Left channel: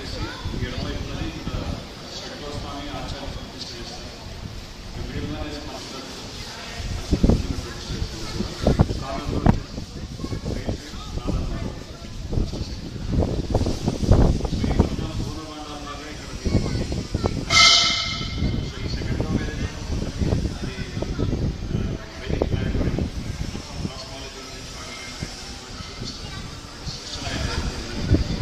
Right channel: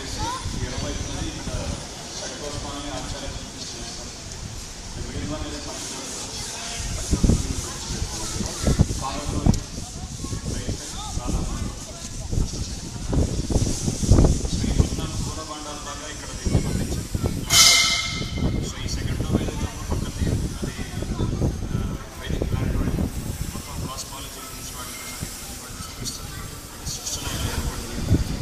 వచ్చేసి ఎడమవైపునది ఇక్కడ శంకరస్వామి ఆచార్య ప్రతిష్ట చేస్తారు. మిడిల్ వన్ ఇస్ పంచరత్న ప్రతిష్ట చేస్తారు. కాలంలో వచ్చేసి రైట్ సైడ్ రాధామాత. సో ఈ మొత్తం పూర్వభాండాలలాగా ఇక్కడ దీన్ని వర్ణించారు. సో ఈ సెకండ్ డోర్ ఏదైతే ఉందో పక్కకి అది వేదిక మ్యారేజ్ వాస్తవాలతో చూపిస్తుంది. సృష్టిలో ఏర్పడింది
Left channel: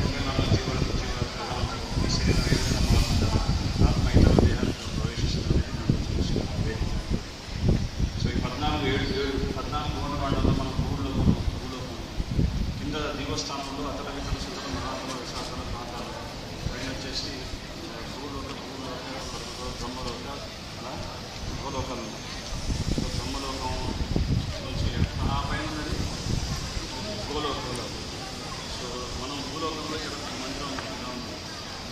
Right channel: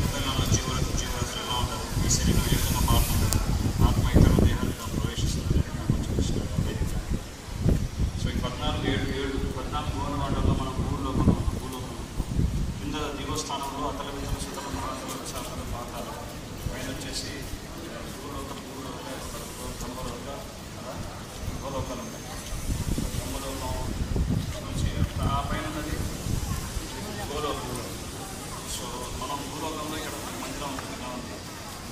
24 జీవరాశులు ఎలా ఉంటారు, ఈ శరీరం ఏ విధంగా మారుతుంటారు, ఆత్మ ఇతర దేహానికి ప్రవేశిస్తుంది కొంచెం వేదిక. సో ఈ 14 భూమివాడల్లో మనం భూలోకం కింద దివస్థానంలో అతల వితల సుతల మహాతల దశాతల ప్రాంతాలు పైన వచ్చేసి భూలోకం బ్రహ్మలోక భూలోకాలు ఉంటాయి. సో బ్రహ్మలోకం నుంచి ఆ పైన ఉన్నది భూలోకం. సో మనం భూలోకంలో ఇక్కడ మందిరం ఇలా ఉంది.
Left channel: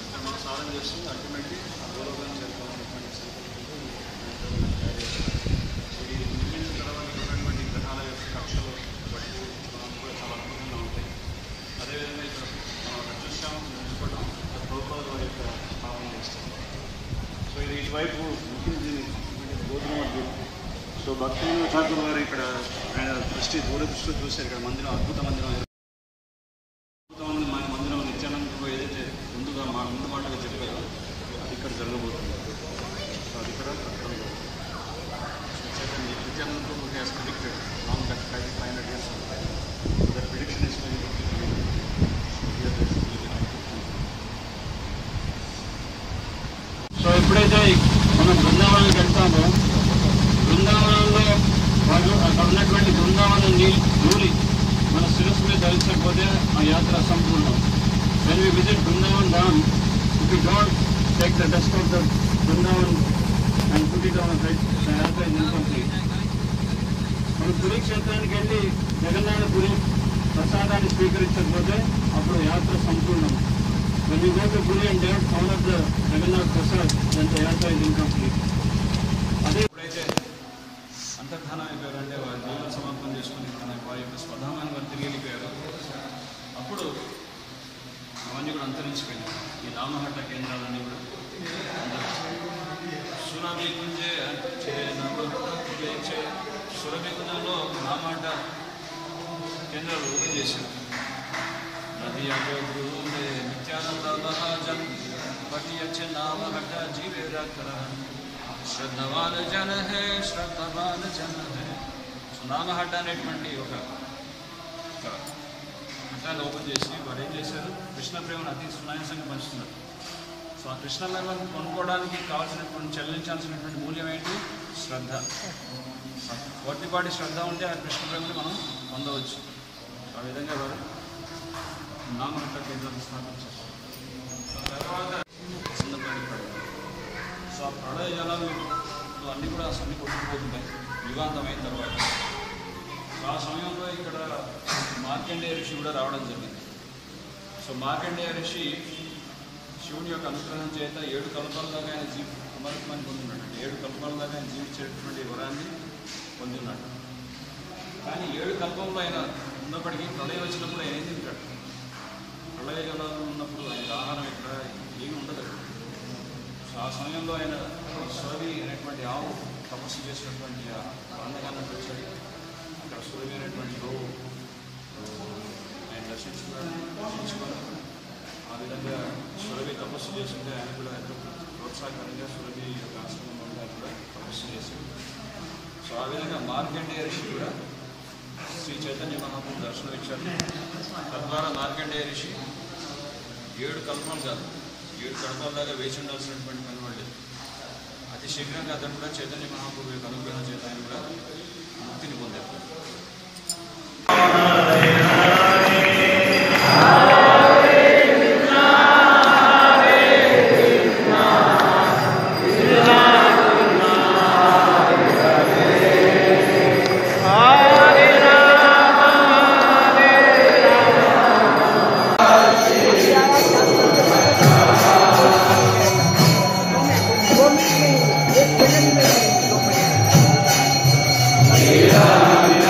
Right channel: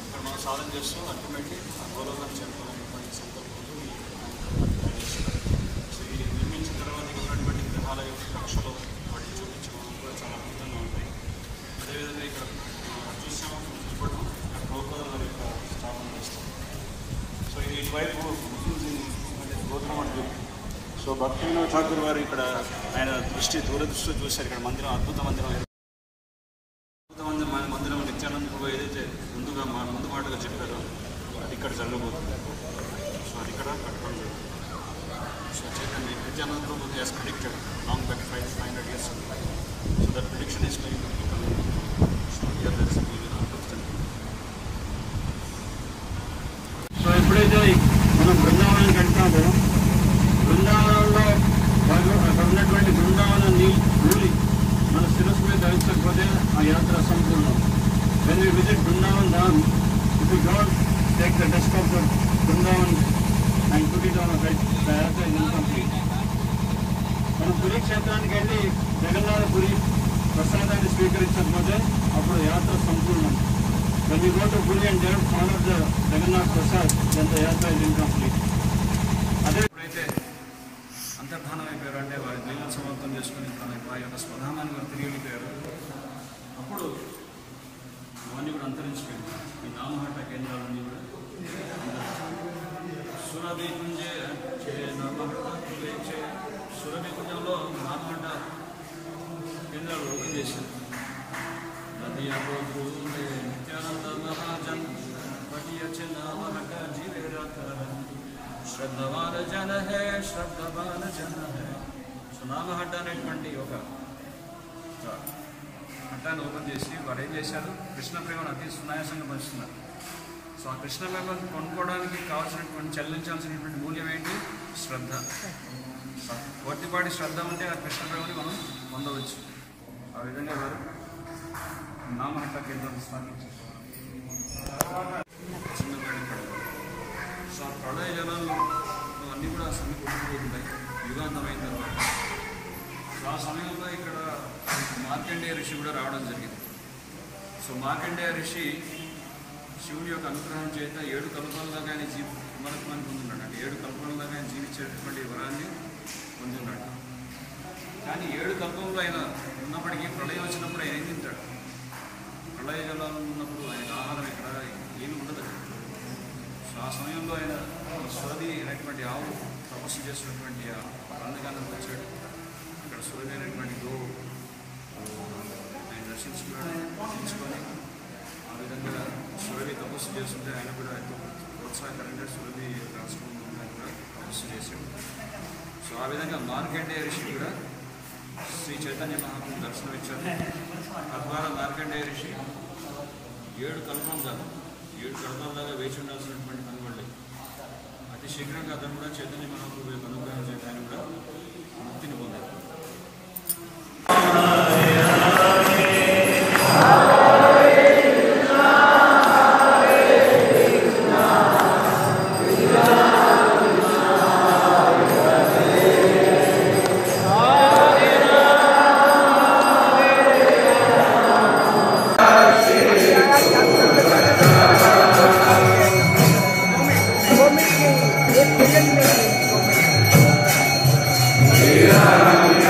ఇక్కడ మనం సాధన చేస్తూ అల్టిమేట్లీ ఆ భూలోకాన్ని చేరుకునేటువంటి సంకల్పంతో తయారు చేస్తారు. సో ఇది నిర్మించిన తర్వాత ఉన్నటువంటి గ్రహాల యొక్క కక్షలు వాటి చూపించడం కూడా చాలా అద్భుతంగా ఉంటాయి. అదేవిధంగా ఇక్కడ మనం చూసాము చూసుకోవడం ఇక్కడ ప్రభుపాదుల వారి యొక్క స్థాపన చేస్తారు. సో ఇది ఇటువైపు గోధుమ. సో భక్తి వినోద్ ఠాకూర్ వారు ఇక్కడ ఆయన దూరదృష్టితో చూశారు. ఇక్కడ మందిరం అద్భుత మందిరం మందిరం నిత్యానంద ప్రభు ఏదైతే ముందు మాటగా చెప్పారో అది ఇక్కడ జరగబోతుంది. సో అది ఇక్కడ కట్టడం జరుగుతుంది. So Chaitanya Nityananda Prabhu has predicted long back 500 years ago. So that prediction is very good. So here there is really అద్భుతం. సో ఎప్పుడైతే మనం బృందావనానికి వెళ్తామో బృందావనంలో అక్కడ ఉన్నటువంటి బృందావనం ధూళి మన శిరస్సు మీద ధరించకపోతే ఆ యాత్ర సంపూర్ణం. When we visit Vrindavan Dham, if we don't take the dust of the Vrindavan and put it on our head, the yatra is incomplete. మనం పురి క్షేత్రానికి వెళ్ళి జగన్నాథపురి ప్రసాదాన్ని స్వీకరించకపోతే అప్పుడు యాత్ర సంపూర్ణం. When we go to Puri and don't follow the Jagannath Prasad, then the yatra is incomplete. అదే ఎప్పుడైతే అంతర్ధానం అయిపోయారు అంటే వారి జీవన సమర్పణ చేసుకుని వారి యొక్క స్వధానాన్ని వారు తిరిగి వెళ్ళిపోయారు. అప్పుడు అవన్నీ కూడా అంతరించిపోయింది. ఈ నామహట్ట కేంద్రాలన్నీ కూడా సురభి కుంజే సురభి కుంజంలో నామహట్ట కేంద్రాలు ఓపెన్ చేశారు. నది అగోద్రుండే నిత్యానంద మహాజన్ బటి అచ్చ నామహట్ట జీవేరాకరన్ శ్రద్ధవాన జన హే శ్రద్ధవాన జన హే. సో నామహట్ట అనేటువంటి ఒక హట్టాన్ని ఓపెన్ చేసి వారు ఏం చేశారు, కృష్ణ ప్రేమను అతి సునాయాసంగా పంచుతున్నారు. సో ఆ కృష్ణ ప్రేమను కొనుక్కోవడానికి కావాల్సినటువంటి చెల్లించాల్సినటువంటి మూల్యం ఏంటి? శ్రద్ధ. కొద్దిపాటి శ్రద్ధ ఉంటే ఆ కృష్ణ ప్రేమని మనం పొందవచ్చు. సో ఆ విధంగా వారు నామహట్ట కేంద్రాన్ని స్థాపించారు. తర్వాత చిన్నపాటి ప్రళయం. సో ఆ ప్రళయ జలాలు అన్నీ కూడా సమ్మె కొట్టుకుపోతుంటాయి యుగాంతమైన తర్వాత. సో ఆ సమయంలో ఇక్కడ మార్కండేయ ఋషి కూడా రావడం జరిగింది. సో మార్కండేయ ఋషి శివుని యొక్క అనుగ్రహం చేత 7 కల్పాల దాకా ఆయన కుమారత్వాన్ని పొందిన్నాడు. అంటే 7 కల్పాల దాకా ఆయన జీవించేటటువంటి వరాన్ని పొందిన్నాడు. కానీ 7 కల్పంలో ఆయన ఉన్నప్పటికీ ప్రళయం వచ్చినప్పుడు ఆయన ఏం తింటాడు? ప్రళయ జలాలు ఉన్నప్పుడు ఆయనకు ఆహారం ఇక్కడ ఏమీ ఉండదు. సో ఆ సమయంలో ఆయన సురభి అనేటువంటి ఆవు తపస్సు చేసినటువంటి ఆ ప్రాంతకానికి వచ్చాడు. అక్కడ సురభి అనేటువంటి గోవు ఆయన దర్శించుకొని ఆ విధంగా సురభి తపస్సు చేస్తుంటే ఆయన కూడా ప్రోత్సాహకరంగా సురభి యొక్క ఆశ్రమంలో ఆయన కూడా తపస్సు చేశాడు. సో ఆ విధంగా మార్కండేయ ఋషి కూడా శ్రీ చైతన్య మహాప్రభు దర్శనం ఇచ్చారు. తద్వారా మార్కండేయ ఋషి 7 కల్పాలు కాదు 7 కల్పాల దాకా వేచి ఉండాల్సినటువంటి పని పడలేదు. అతి శీఘ్రంగా అతను కూడా చైతన్య మహాప్రభు యొక్క అనుగ్రహం చేత ఆయన కూడా ముక్తిని పొందారు. Yeah.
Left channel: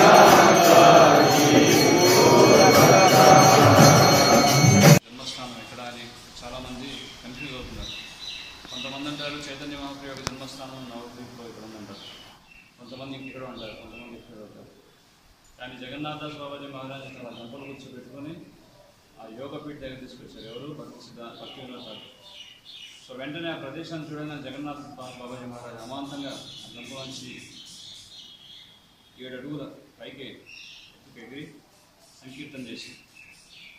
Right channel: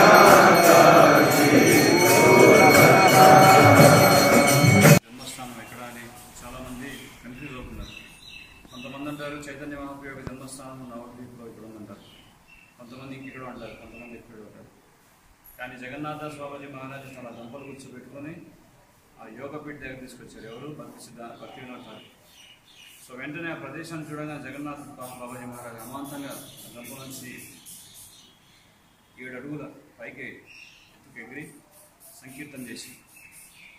జగన్నాథదాస్ బాబాజీ మహారాజ్ తన దంపలు కూర్చోబెట్టుకొని ఆ యోగపీఠ దగ్గర తీసుకొచ్చారు. ఎవరు? భక్తి వినోద్ ఠాకూర్. సో వెంటనే ఆ ప్రదేశాన్ని చూడగానే జగన్నాథ్ బాబాజీ మహారాజ్ అమాంతంగా ఆ దంపల నుంచి 7 అడుగుల పైకి ఎత్తుకెగిరి సంకీర్తన చేసి,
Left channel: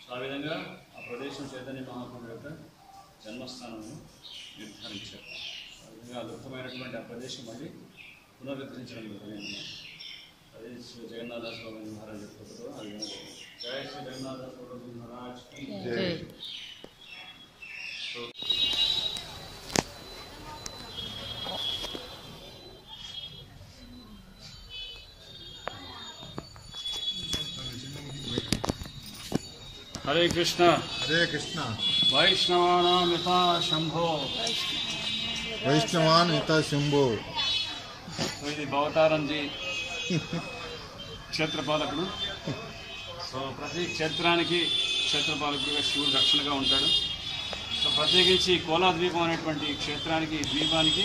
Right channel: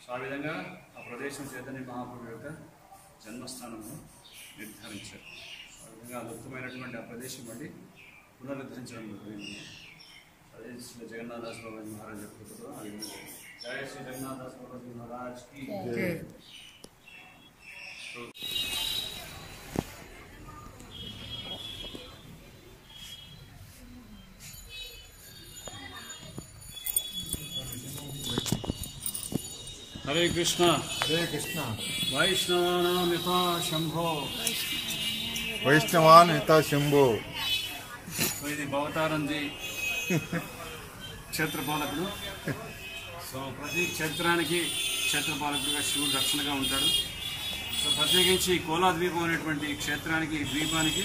సో ఆ విధంగా ఆ ప్రదేశం చైతన్య మహాప్రభు యొక్క జన్మస్థానము నిర్ధారించారు. ఆ విధంగా అద్భుతమైనటువంటి ఆ ప్రదేశం మళ్ళీ పునరుద్ధరించడం జరిగింది. అదే శ్రీ జగన్నాథదాస్ బాబాజీ మహారాజ్ చెప్తుందో ఆ విధంగా జరిగింది. జయ శ్రీ జగన్నాథదాస్ బాబాజీ మహారాజ్ కి జై. హరే కృష్ణ హరే కృష్ణ. వైష్ణవానాం యథా శంభో. వైష్ణవాన్ యథా శంభో. ఇది భవతారంజీ క్షేత్రపాలకుడు. సో ప్రతి క్షేత్రానికి క్షేత్రపాలకుడుగా శివుడు రక్షణగా ఉంటాడు. సో ప్రత్యేకించి కోలాద్వీపం అనేటువంటి క్షేత్రానికి ద్వీపానికి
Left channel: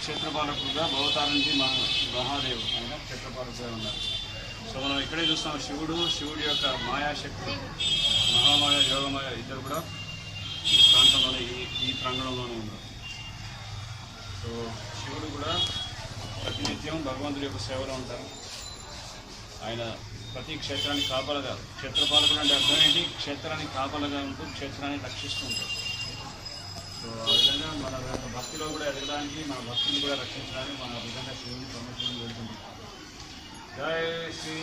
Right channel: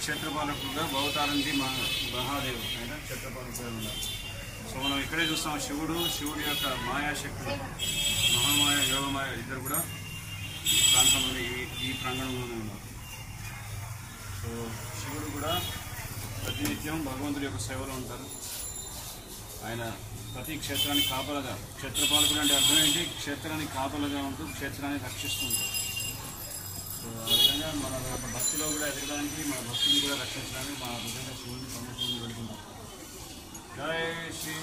క్షేత్రపాలకుడుగా భవతారంజీ మహాదేవుడు ఆయన క్షేత్రపాలకుడుగా ఉన్నారు. సో మనం ఇక్కడే చూస్తాం శివుడి యొక్క మాయాశక్తులు, మహామాయ, యోగమాయ ఇద్దరు కూడా ఈ ప్రాంతంలోనే ఈ ప్రాంగణంలోనే ఉన్నారు. సో శివుడు కూడా ప్రతినిత్యం భగవంతుడి యొక్క సేవలో ఉంటారు. ఆయన ప్రతి క్షేత్రానికి కాపలగా, క్షేత్రపాలకుడు అంటే అర్థం ఏంటి? క్షేత్రానికి కాపలగా ఉంటూ క్షేత్రాన్ని రక్షిస్తూ ఉంటారు. సో ఆ విధంగా మన యొక్క భక్తిలో కూడా ఎదగడానికి, మన భక్తిని కూడా రక్షించడానికి మన విధంగా శివుని ప్రమోషుని వెళుతున్నాం. జై శ్రీ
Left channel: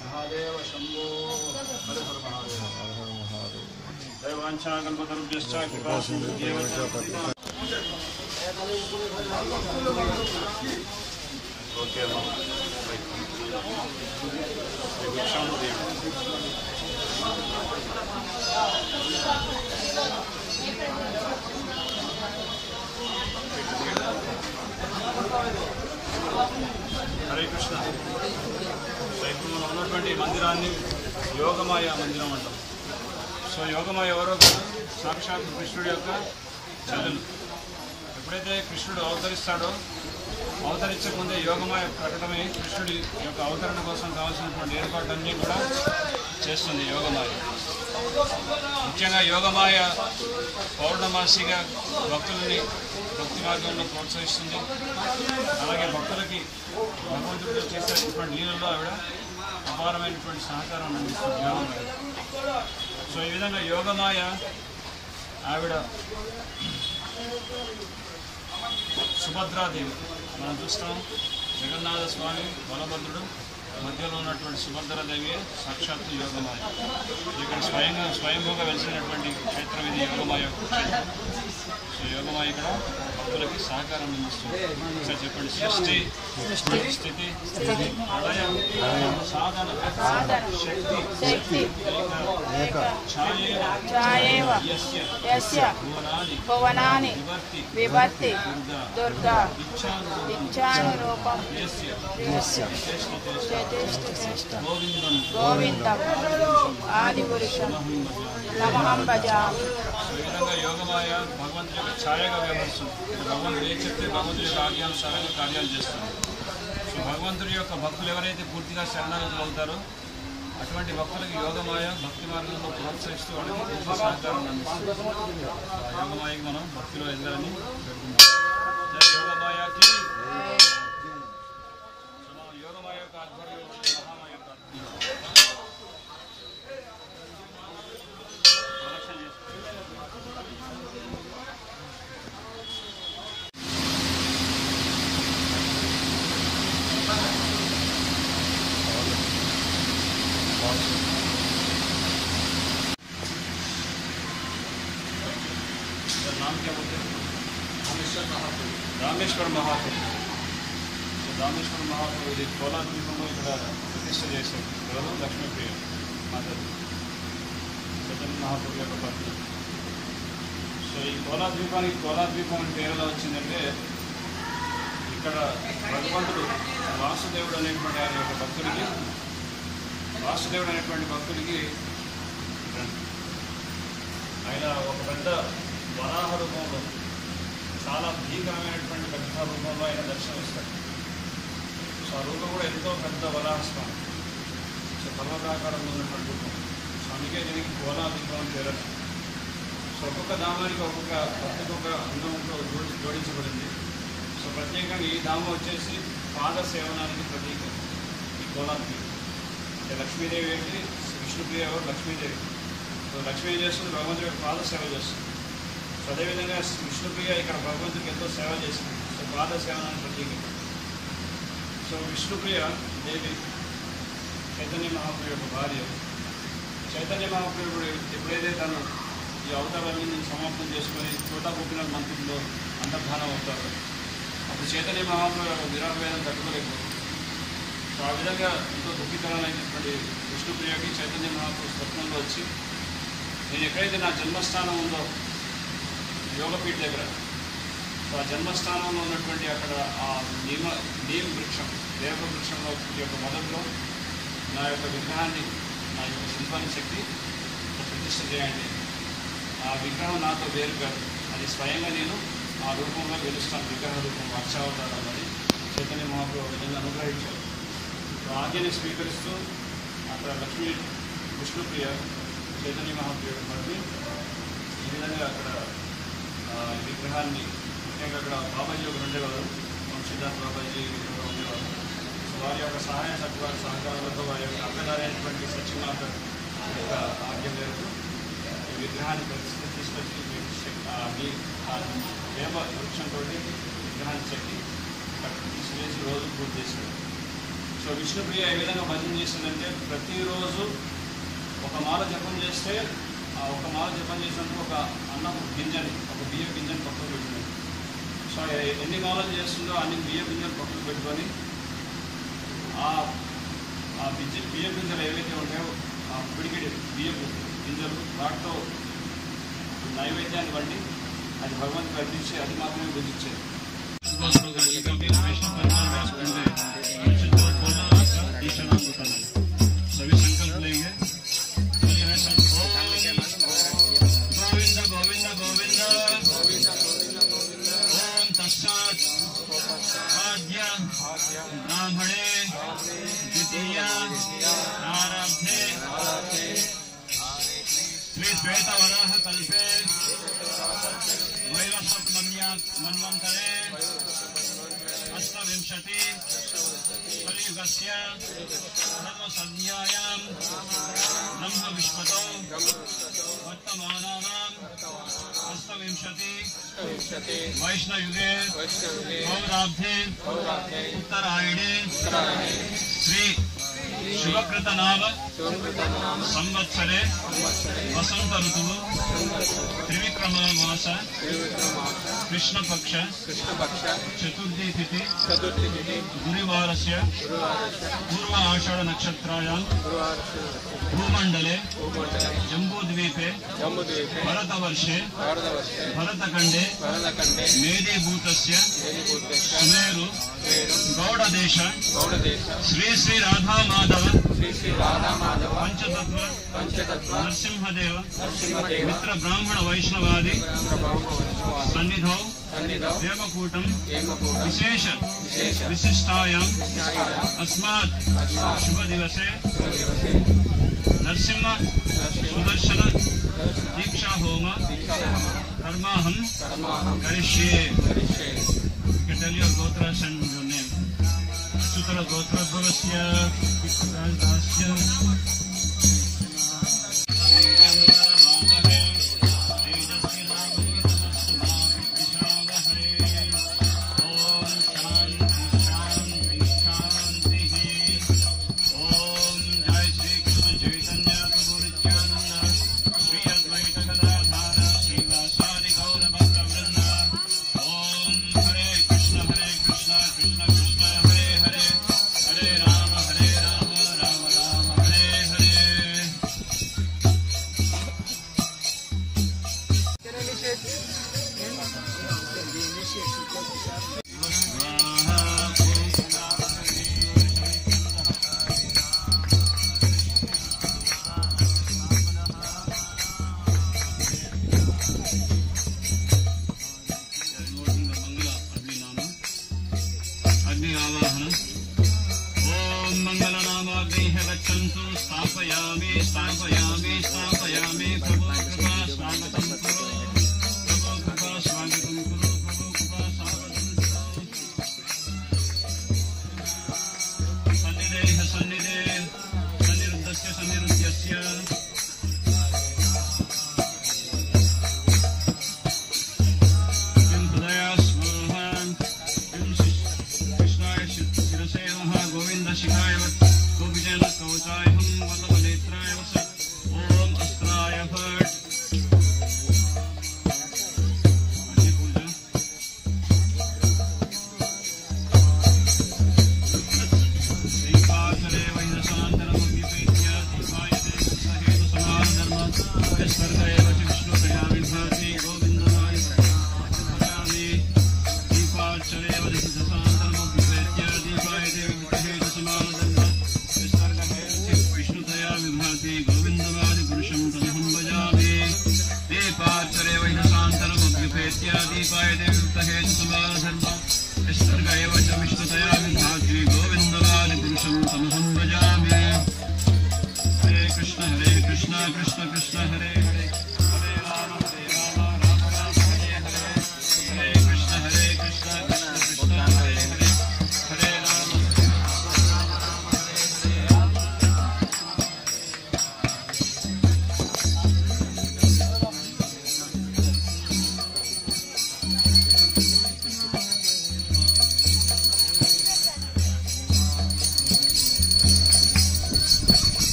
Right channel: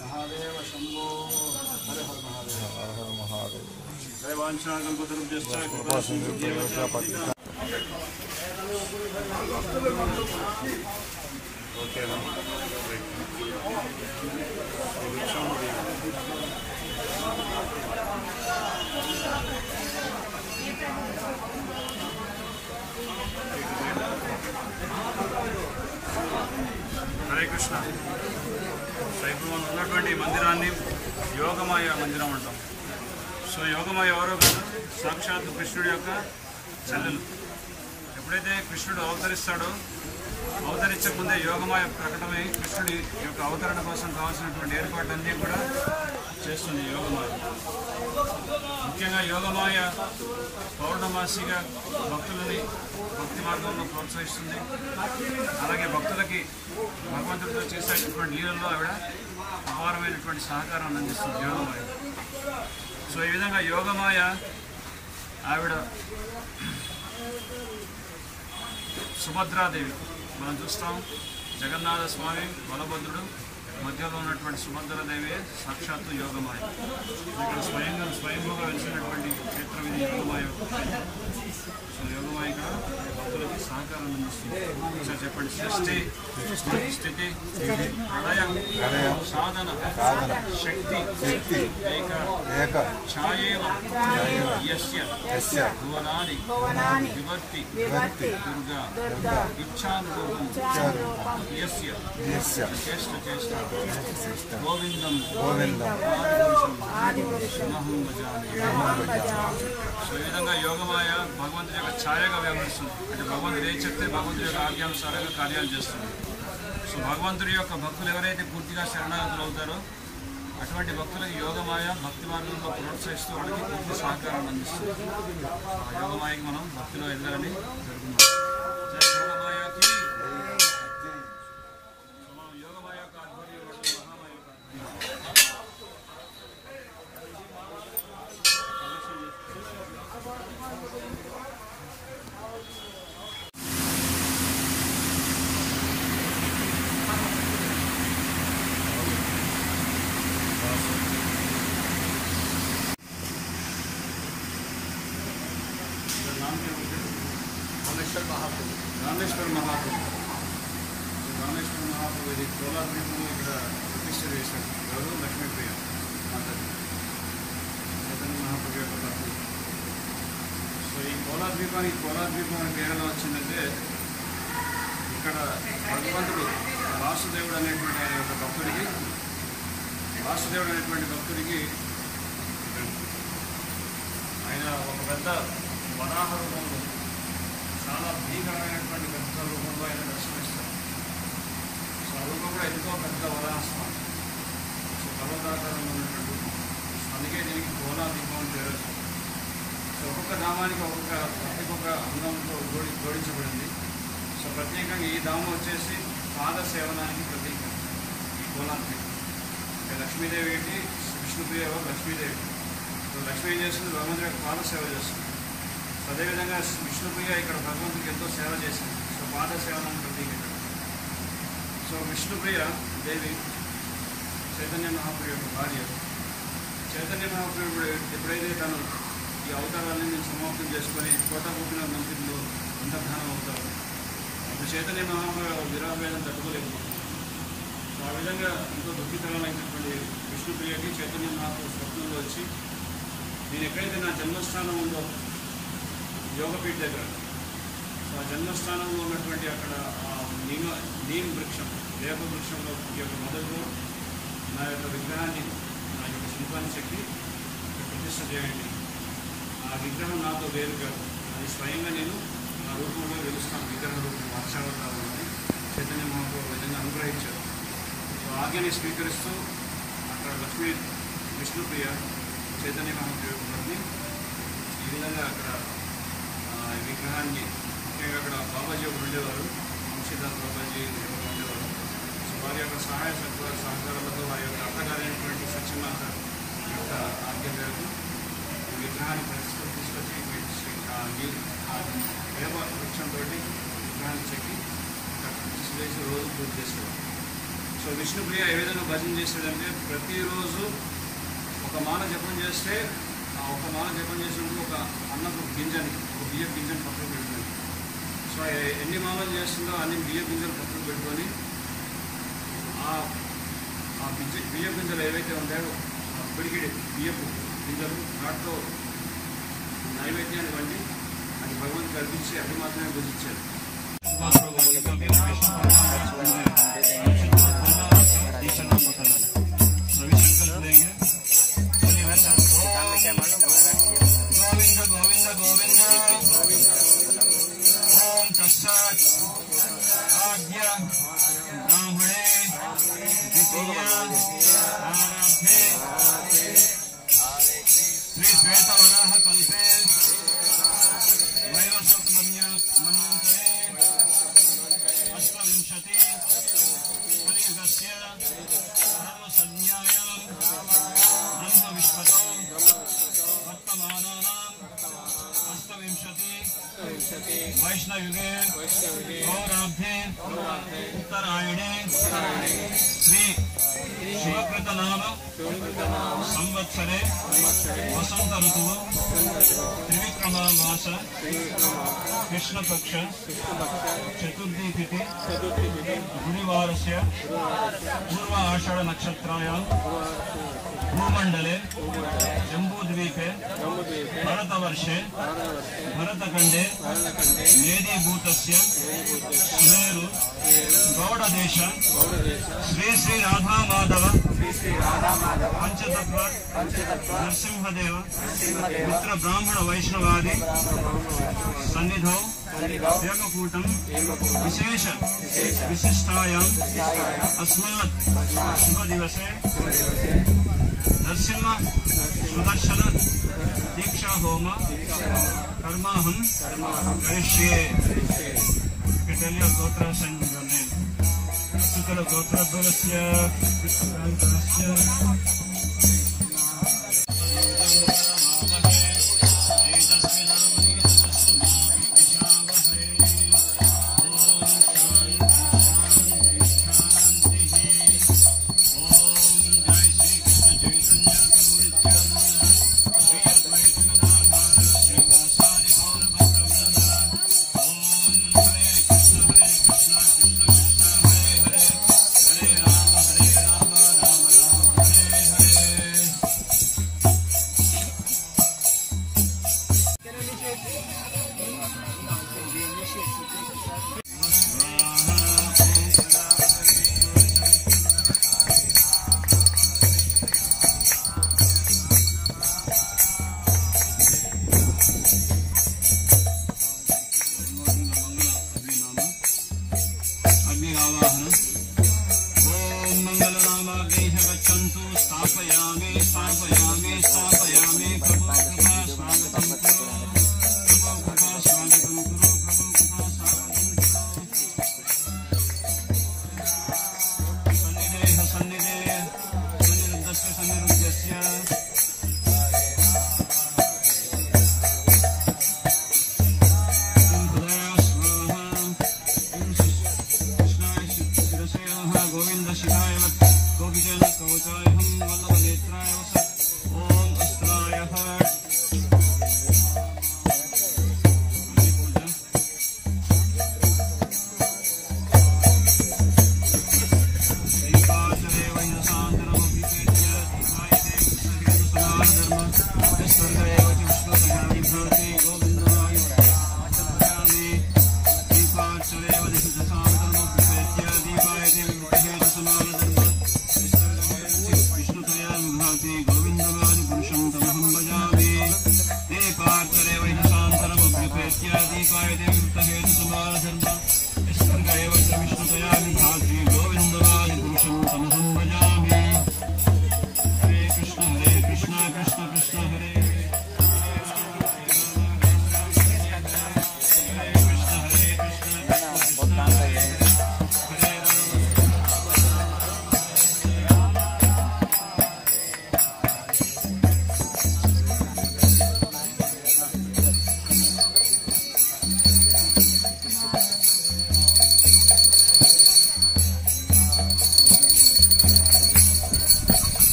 మహాదేవ శంభో. హర హర మహాదేవ. హర హర మహాదేవ. జై వాంఛాకల్పతరుభ్యశ్చ కృపాసింధుభ్యేవ చ పతితానాం. ఓకే హరే కృష్ణ. సో ఇప్పుడు మనం ఉన్నటువంటి మందిరాన్ని యోగమాయ మందిరం అంటాం. సో యోగమాయ ఎవరో కాదు, సాక్షాత్ కృష్ణుడి యొక్క చెల్లెలు. ఎప్పుడైతే కృష్ణుడు అవతరిస్తాడో, అవతరించక ముందే యోగమాయ ప్రకటమే కృష్ణుడి యొక్క అవతరణ కోసం కావాల్సినటువంటి ఏర్పాట్లన్నీ కూడా చేస్తుంది యోగమాయ. ముఖ్యంగా యోగమాయ పౌర్ణమాసిగా భక్తులని భక్తి మార్గంలో ప్రోత్సహిస్తుంది. అలాగే భక్తులకి భగవంతుడితో చేసేటటువంటి లీలల్లో ఆవిడ అపారమైనటువంటి సహకారాన్ని అందిస్తుంది యోగమాయ. సో ఈ విధంగా యోగమాయ ఆవిడ సుభద్రాదేవి. మనం చూస్తాం జగన్నాథ స్వామి, బలభద్రుడు, మధ్యలో ఉన్నటువంటి సుభద్రాదేవి సాక్షాత్తు యోగమాయ. ఇక్కడ స్వయంభూగా వెలిసినటువంటి క్షేత్రం ఇది యోగమాయ క్షేత్రం. సో యోగమాయ ఇక్కడ భక్తులకి సహకారం అందిస్తుంది. సార్ చెప్పండి. సృష్టి, స్థితి, ప్రళయం, సాధన, శక్తి, ఏక ఛాయేవ యస్య భువనాని వివర్తి దుర్గా ఇచ్ఛానురూపం యస్య చేష్ట గోవిందం ఆదిపురుషమహం భజామి. సో ఈ విధంగా యోగమాయ భగవంతుడి యొక్క ఛాయగా వ్యవహరిస్తుంది. అంటే భగవంతుడు ఏం చెప్తే భగవంతుడి యొక్క ఆజ్ఞానుసారంగా కార్యాలు చేస్తుంది. సో భగవంతుడి యొక్క భక్తులు ఎవరైతే పూర్తిగా శరణాగతులు అవుతారో అటువంటి భక్తులకు యోగమాయ భక్తి మార్గంలో ప్రోత్సహిస్తూ వాళ్ళకి పూర్తి సహకారాన్ని అందిస్తుంది. సో ఆ యోగమాయకి మనం భక్తిలో ఎదగాలని పెడుతున్నాం. జై యోగమాయకి. సో మనం యోగమాయ యొక్క ఆధ్వర్యంలో మహామాయ యొక్క రామేశ్వర మహాప్రభు. రామేశ్వర మహాప్రభు కోలాద్వీపంలో ఇక్కడ ప్రతిష్ఠ చేశారు. ఎవరు? లక్ష్మీప్రియ మాతాజీ, చైతన్య మహాప్రభు యొక్క భక్తులు. సో ఈ కోలాద్వీపానికి కోలాద్వీపం అని పేరు ఎలా వచ్చిందంటే, ఇక్కడ భగవంతుడు వాసుదేవుడు అనేటువంటి ఆయన యొక్క భక్తుడికి, ఆయన ఒక పెద్ద వరాహ రూపంలో, చాలా భీకరమైనటువంటి పెద్ద రూపంలో ఆయన దర్శనమిస్తాడు. సో ఆ రూపం కూడా ఎంతో పెద్ద వరాహస్వామి. సో పర్వతాకారంలో ఉన్నటువంటి రూపం. సో అందుకే దీనికి కోలా దీపం అని పేరు. సో ఒక్కొక్క ధామానికి ఒక్కొక్క అంగంతో జోడించబడింది. సో ప్రత్యేకంగా ఈ ధామం వచ్చేసి పాద సేవనానికి ప్రతీక ఈ కోలార్ దీపం. లక్ష్మీదేవి ఏంటి, విష్ణుప్రియ ఎవరు, లక్ష్మీదేవి. సో లక్ష్మీ ఏం చేస్తుంది, భగవంతుడి యొక్క పాద సేవ చేస్తుంది. సో అదేవిధంగా విష్ణుప్రియ ఇక్కడ భగవంతుడికి ఎంతో సేవ చేసింది. సో పాద సేవనానికి ప్రతీక. సో విష్ణుప్రియ దేవి చైతన్య మహాప్రభు యొక్క భార్య. చైతన్య మహాప్రభుడు ఎప్పుడైతే తను ఈ అవతారాన్ని సమాప్తం చేసుకొని చోటా గోపీనాథ్ మంత్రిలో అంతర్ధానం అవుతారు, అప్పుడు చైతన్య మహాప్రభు విరాట వేదం తట్టుకోలేకపోతుంది. సో ఆ విధంగా ఎంతో దుఃఖితమైనటువంటి విష్ణుప్రియకి చైతన్య మహాప్రభు స్వప్నంలో వచ్చి, నేను ఎక్కడైతే నా జన్మస్థానం ఉందో యోగపీఠ దగ్గర, సో ఆ జన్మస్థానంలో ఉన్నటువంటి అక్కడ ఆ నీమ్ వృక్షం, వేప వృక్షంలో యొక్క మొదట్లో నా యొక్క విగ్రహాన్ని, నా యొక్క శిల్పాన్ని చెప్పి ప్రతిష్ఠ చేయండి. ఆ విగ్రహం నాతో వేరు కాదు, అది స్వయంగా నేను ఆ రూపంలో వెలుస్తాను, విగ్రహ రూపం అక్షావతారాలని చైతన్య మహాప్రభు విధంగా అనుగ్రహించారు. సో ఆజ్ఞని స్వీకరిస్తూ అక్కడ లక్ష్మీ విష్ణుప్రియ చైతన్య మహాప్రభు వారిని ఈ విధంగా అక్కడ విగ్రహాన్ని, ముఖ్యంగా అక్కడ బాబాజీ ఒకరు ఉండేవారు, వంశీదాస్ బాబాజీ ఉండేవారు. సో వారి యొక్క సహాయ సహకారాలతో వారి యొక్క అత్తగారైనటువంటి సత్యమాత యొక్క ఆజ్ఞ మేరకు ఈ విగ్రహాన్ని తీసుకొచ్చి వేప వృక్షంతో విగ్రహాన్ని చెక్కి తీసుకెళ్ళి రోజు పూజ చేశారు. సో విష్ణుప్రియ ఏ విధంగా భజన చేస్తాడంటే, ప్రతిరోజు ఒక మాల జపం చేస్తే ఆ ఒక మాల జపం చేసినప్పుడు ఒక అన్నపు గింజని, ఒక బియ్య గింజని పక్కకు పెట్టుకొని, సో ఎన్ని మాలలు చేస్తుందో అన్ని బియ్య గింజలు పక్కకు పెట్టుకొని ఆ బియ్య గింజలు ఏవైతే ఉంటాయో ఆ పిడికిడి బియ్యపు గింజలు వాటితో నైవేద్యాన్ని వండి అది భగవంతుడు కల్పించి అది మాత్రమే భుజించారు. सभी संकल्प लेंगे. गोविंद गोविंद गोविंद ओम तत्सत् आद्य ब्राह्मणे द्वितीय आरब्धे श्री श्वेतवराह कल्पे वैवस्वत मन्वन्तरे अष्टविंशति कलियुगस्य धर्मसंज्ञायां ब्रह्मविश्वतो वर्तमानानाम् अष्टविंशति वैष्णयुगे गौराब्धे उत्तरायणे श्री शिवकृतनाम संवत्सरे वसंत ऋतु त्रिविक्रमामास कृष्णपक्ष चतुर्थी तिथि गुरुवारस्य पूर्व आषाढ़ नक्षत्रायां भूमंडले जम्बूद्वीपे भरतवर्षे भरतखंडे मेदीभूतस्य सुमेरु गौड़देश श्री श्री राधा माधव पंचतत्व नरसिंहदेव मित्र ब्राह्मण वैष्णवादि सन्निधौ देवकूटं विशेष विशिष्टायां अस्मात् शुभ दिवसे नरसिंह सुदर्शन दीक्षा होम कर्माहं करिष्ये. Tell your gotras and your name. Sutara gotra bhavasya rasya Hare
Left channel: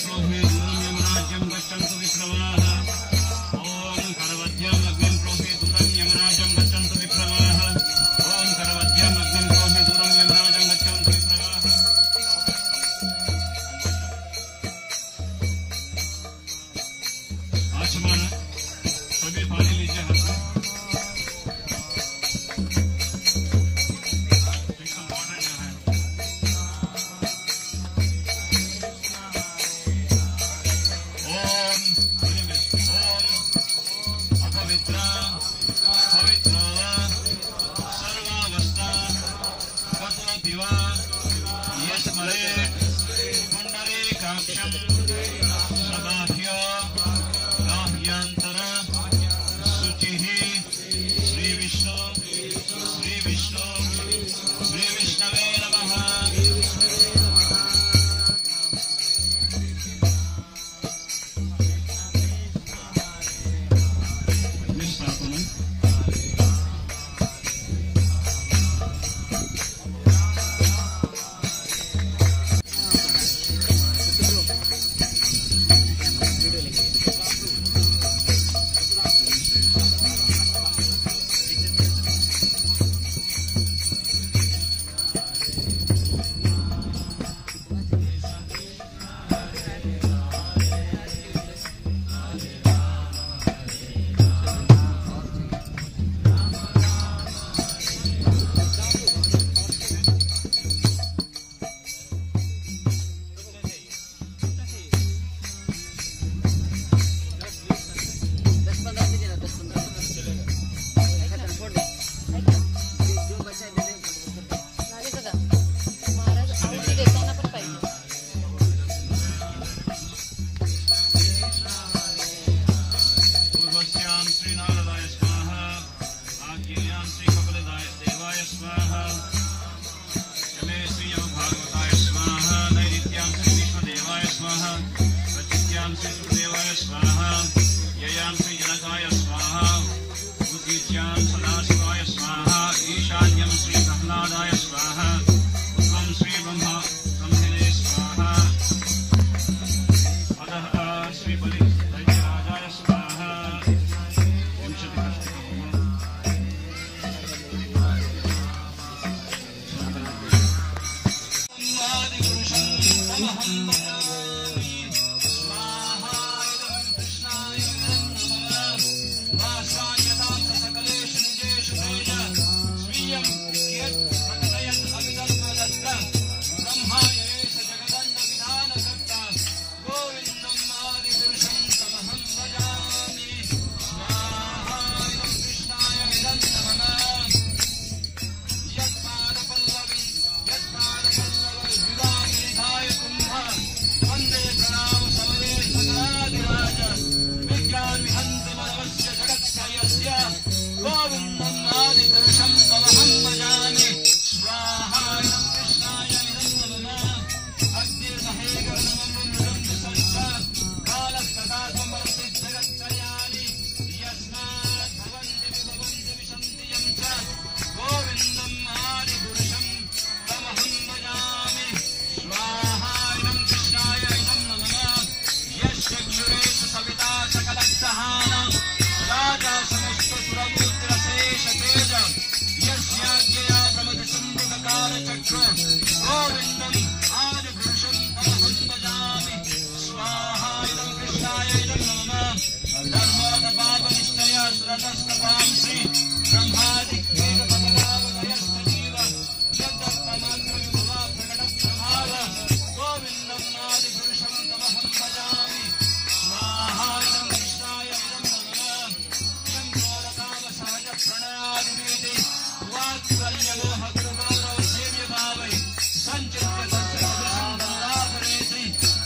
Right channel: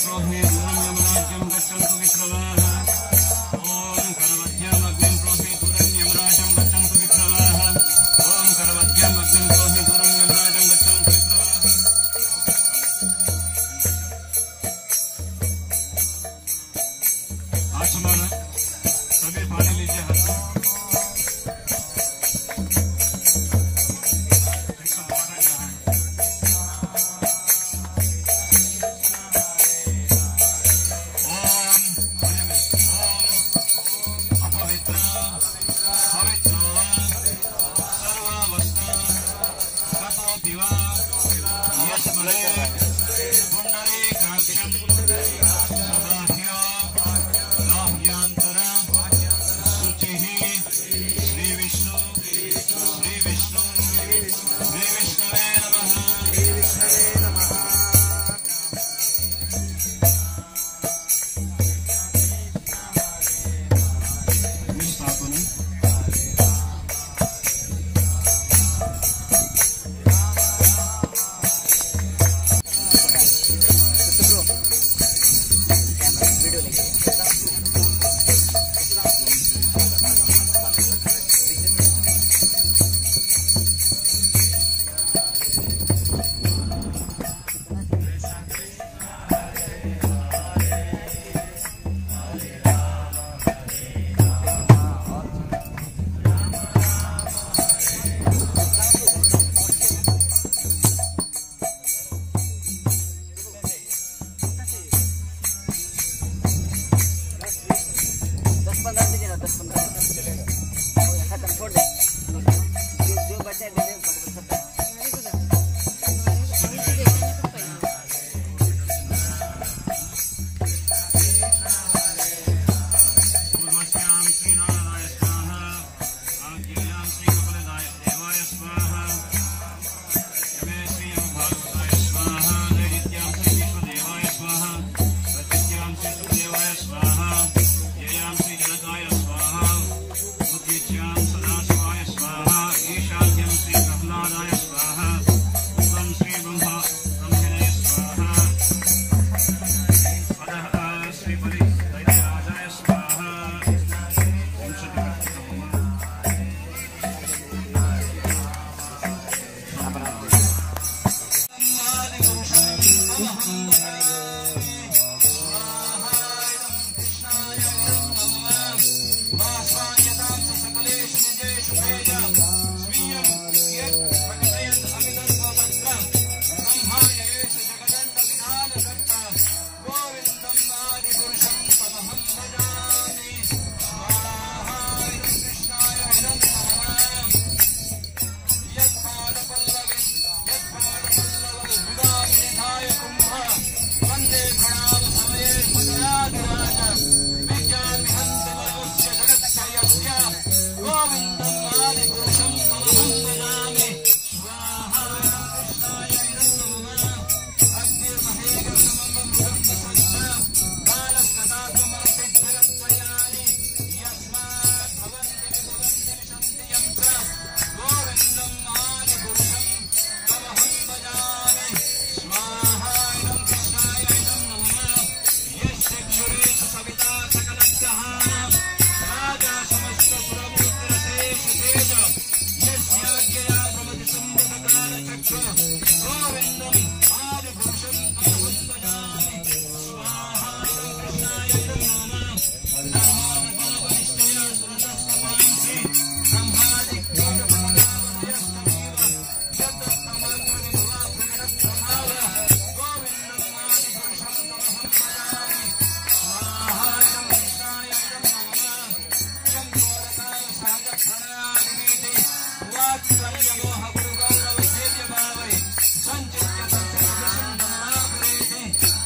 प्रोहि दूरं यमराज्यं गच्छन्तु विप्रवाः ॐ करवद्भ्याम् अग्निं प्रोहि दूरं यमराज्यं गच्छन्तु विप्रवाः ॐ करवद्भ्याम् अग्निं प्रोहि दूरं यमराज्यं गच्छन्तु विप्रवाः आचमन सभी पानी लीजिए हाथ में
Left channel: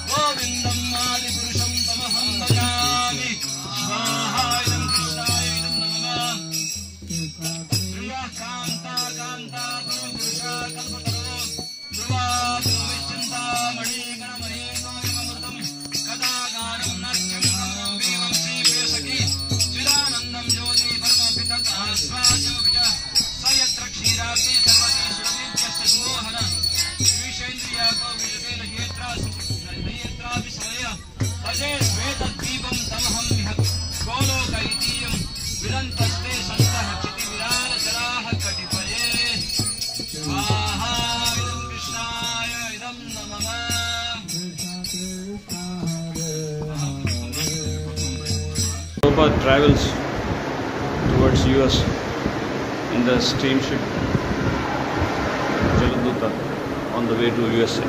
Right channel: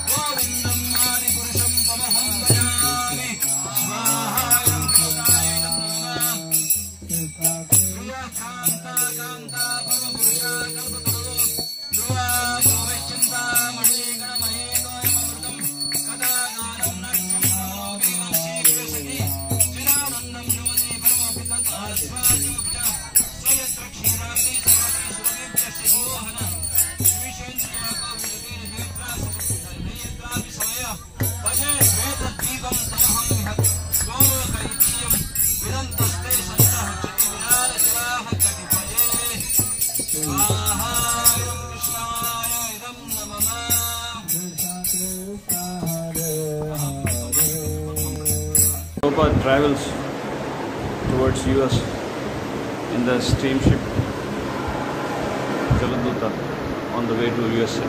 गोविंदम आदि पुरुषम तमहं भजामि स्वाहा कृष्णाय नमः Prabhupada travels towards US in the steamship Jaladuta on the way to USA.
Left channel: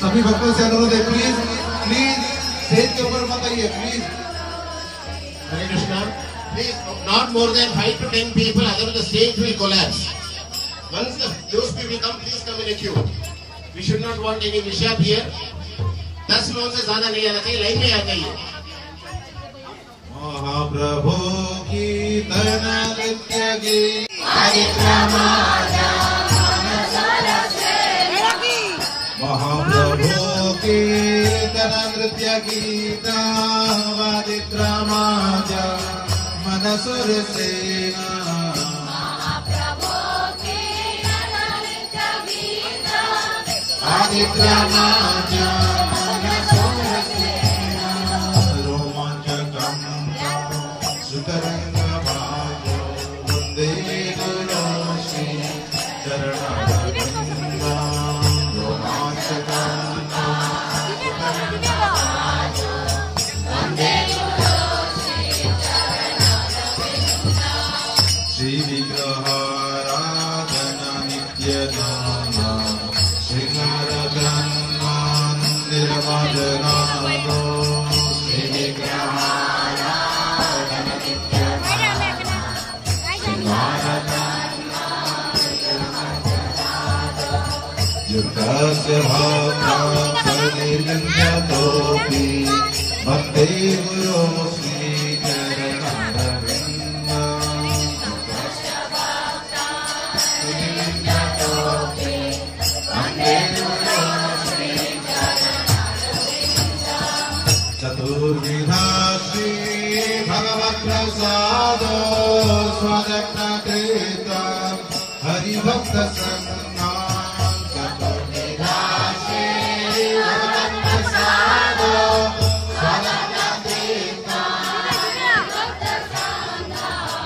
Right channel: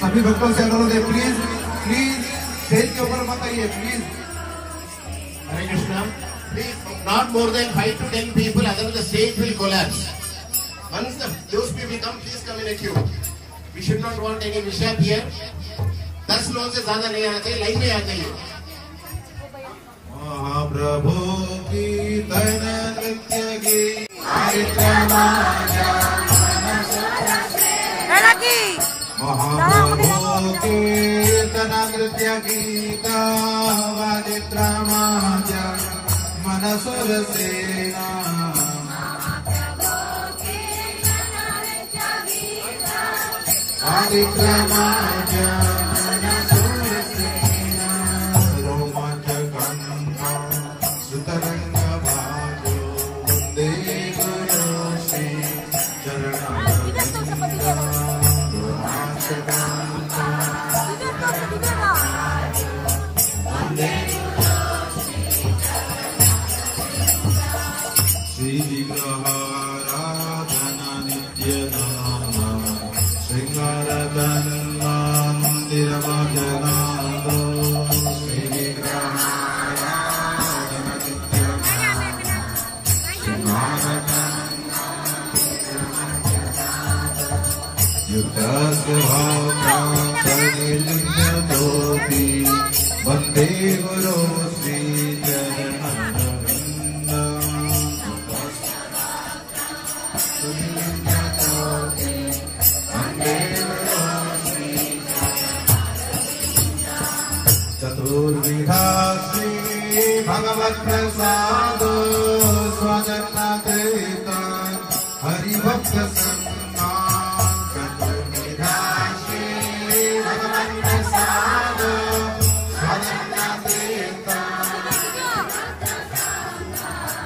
सभी भक्तों से अनुरोध है, प्लीज स्टेज के ऊपर मत आइए please. Hare Krishna. Please, not more than 5 to 10 people, otherwise the stage will collapse. Once those people come, please come in a queue. We should not want any mishap here. 10 लोगों से ज्यादा नहीं आना चाहिए, लाइन में आ जाइए। महाप्रभु की तन नृत्य की महाप्रभु की तन नृत्य गीता वादित्रामाज मनसुर सेना वादित्रामाज मनसुर सेना रोमांचकं सुतरंग भाजो वंदे गुरु श्री चरण श्री विग्रहाराधना नित्य नामा श्रृंगार मंदिर भजनादो श्री विग्रहाराधना नित्य नामा श्रृंगार युक्तस्य भक्तोऽपि वन्दे गुरो चतुर्विधा श्री भगवत्प्रसादो स्वदत्तकृता हरिभक्त संज्ञा चतुर्विधा श्री भगवत्प्रसादो स्वदत्तकृता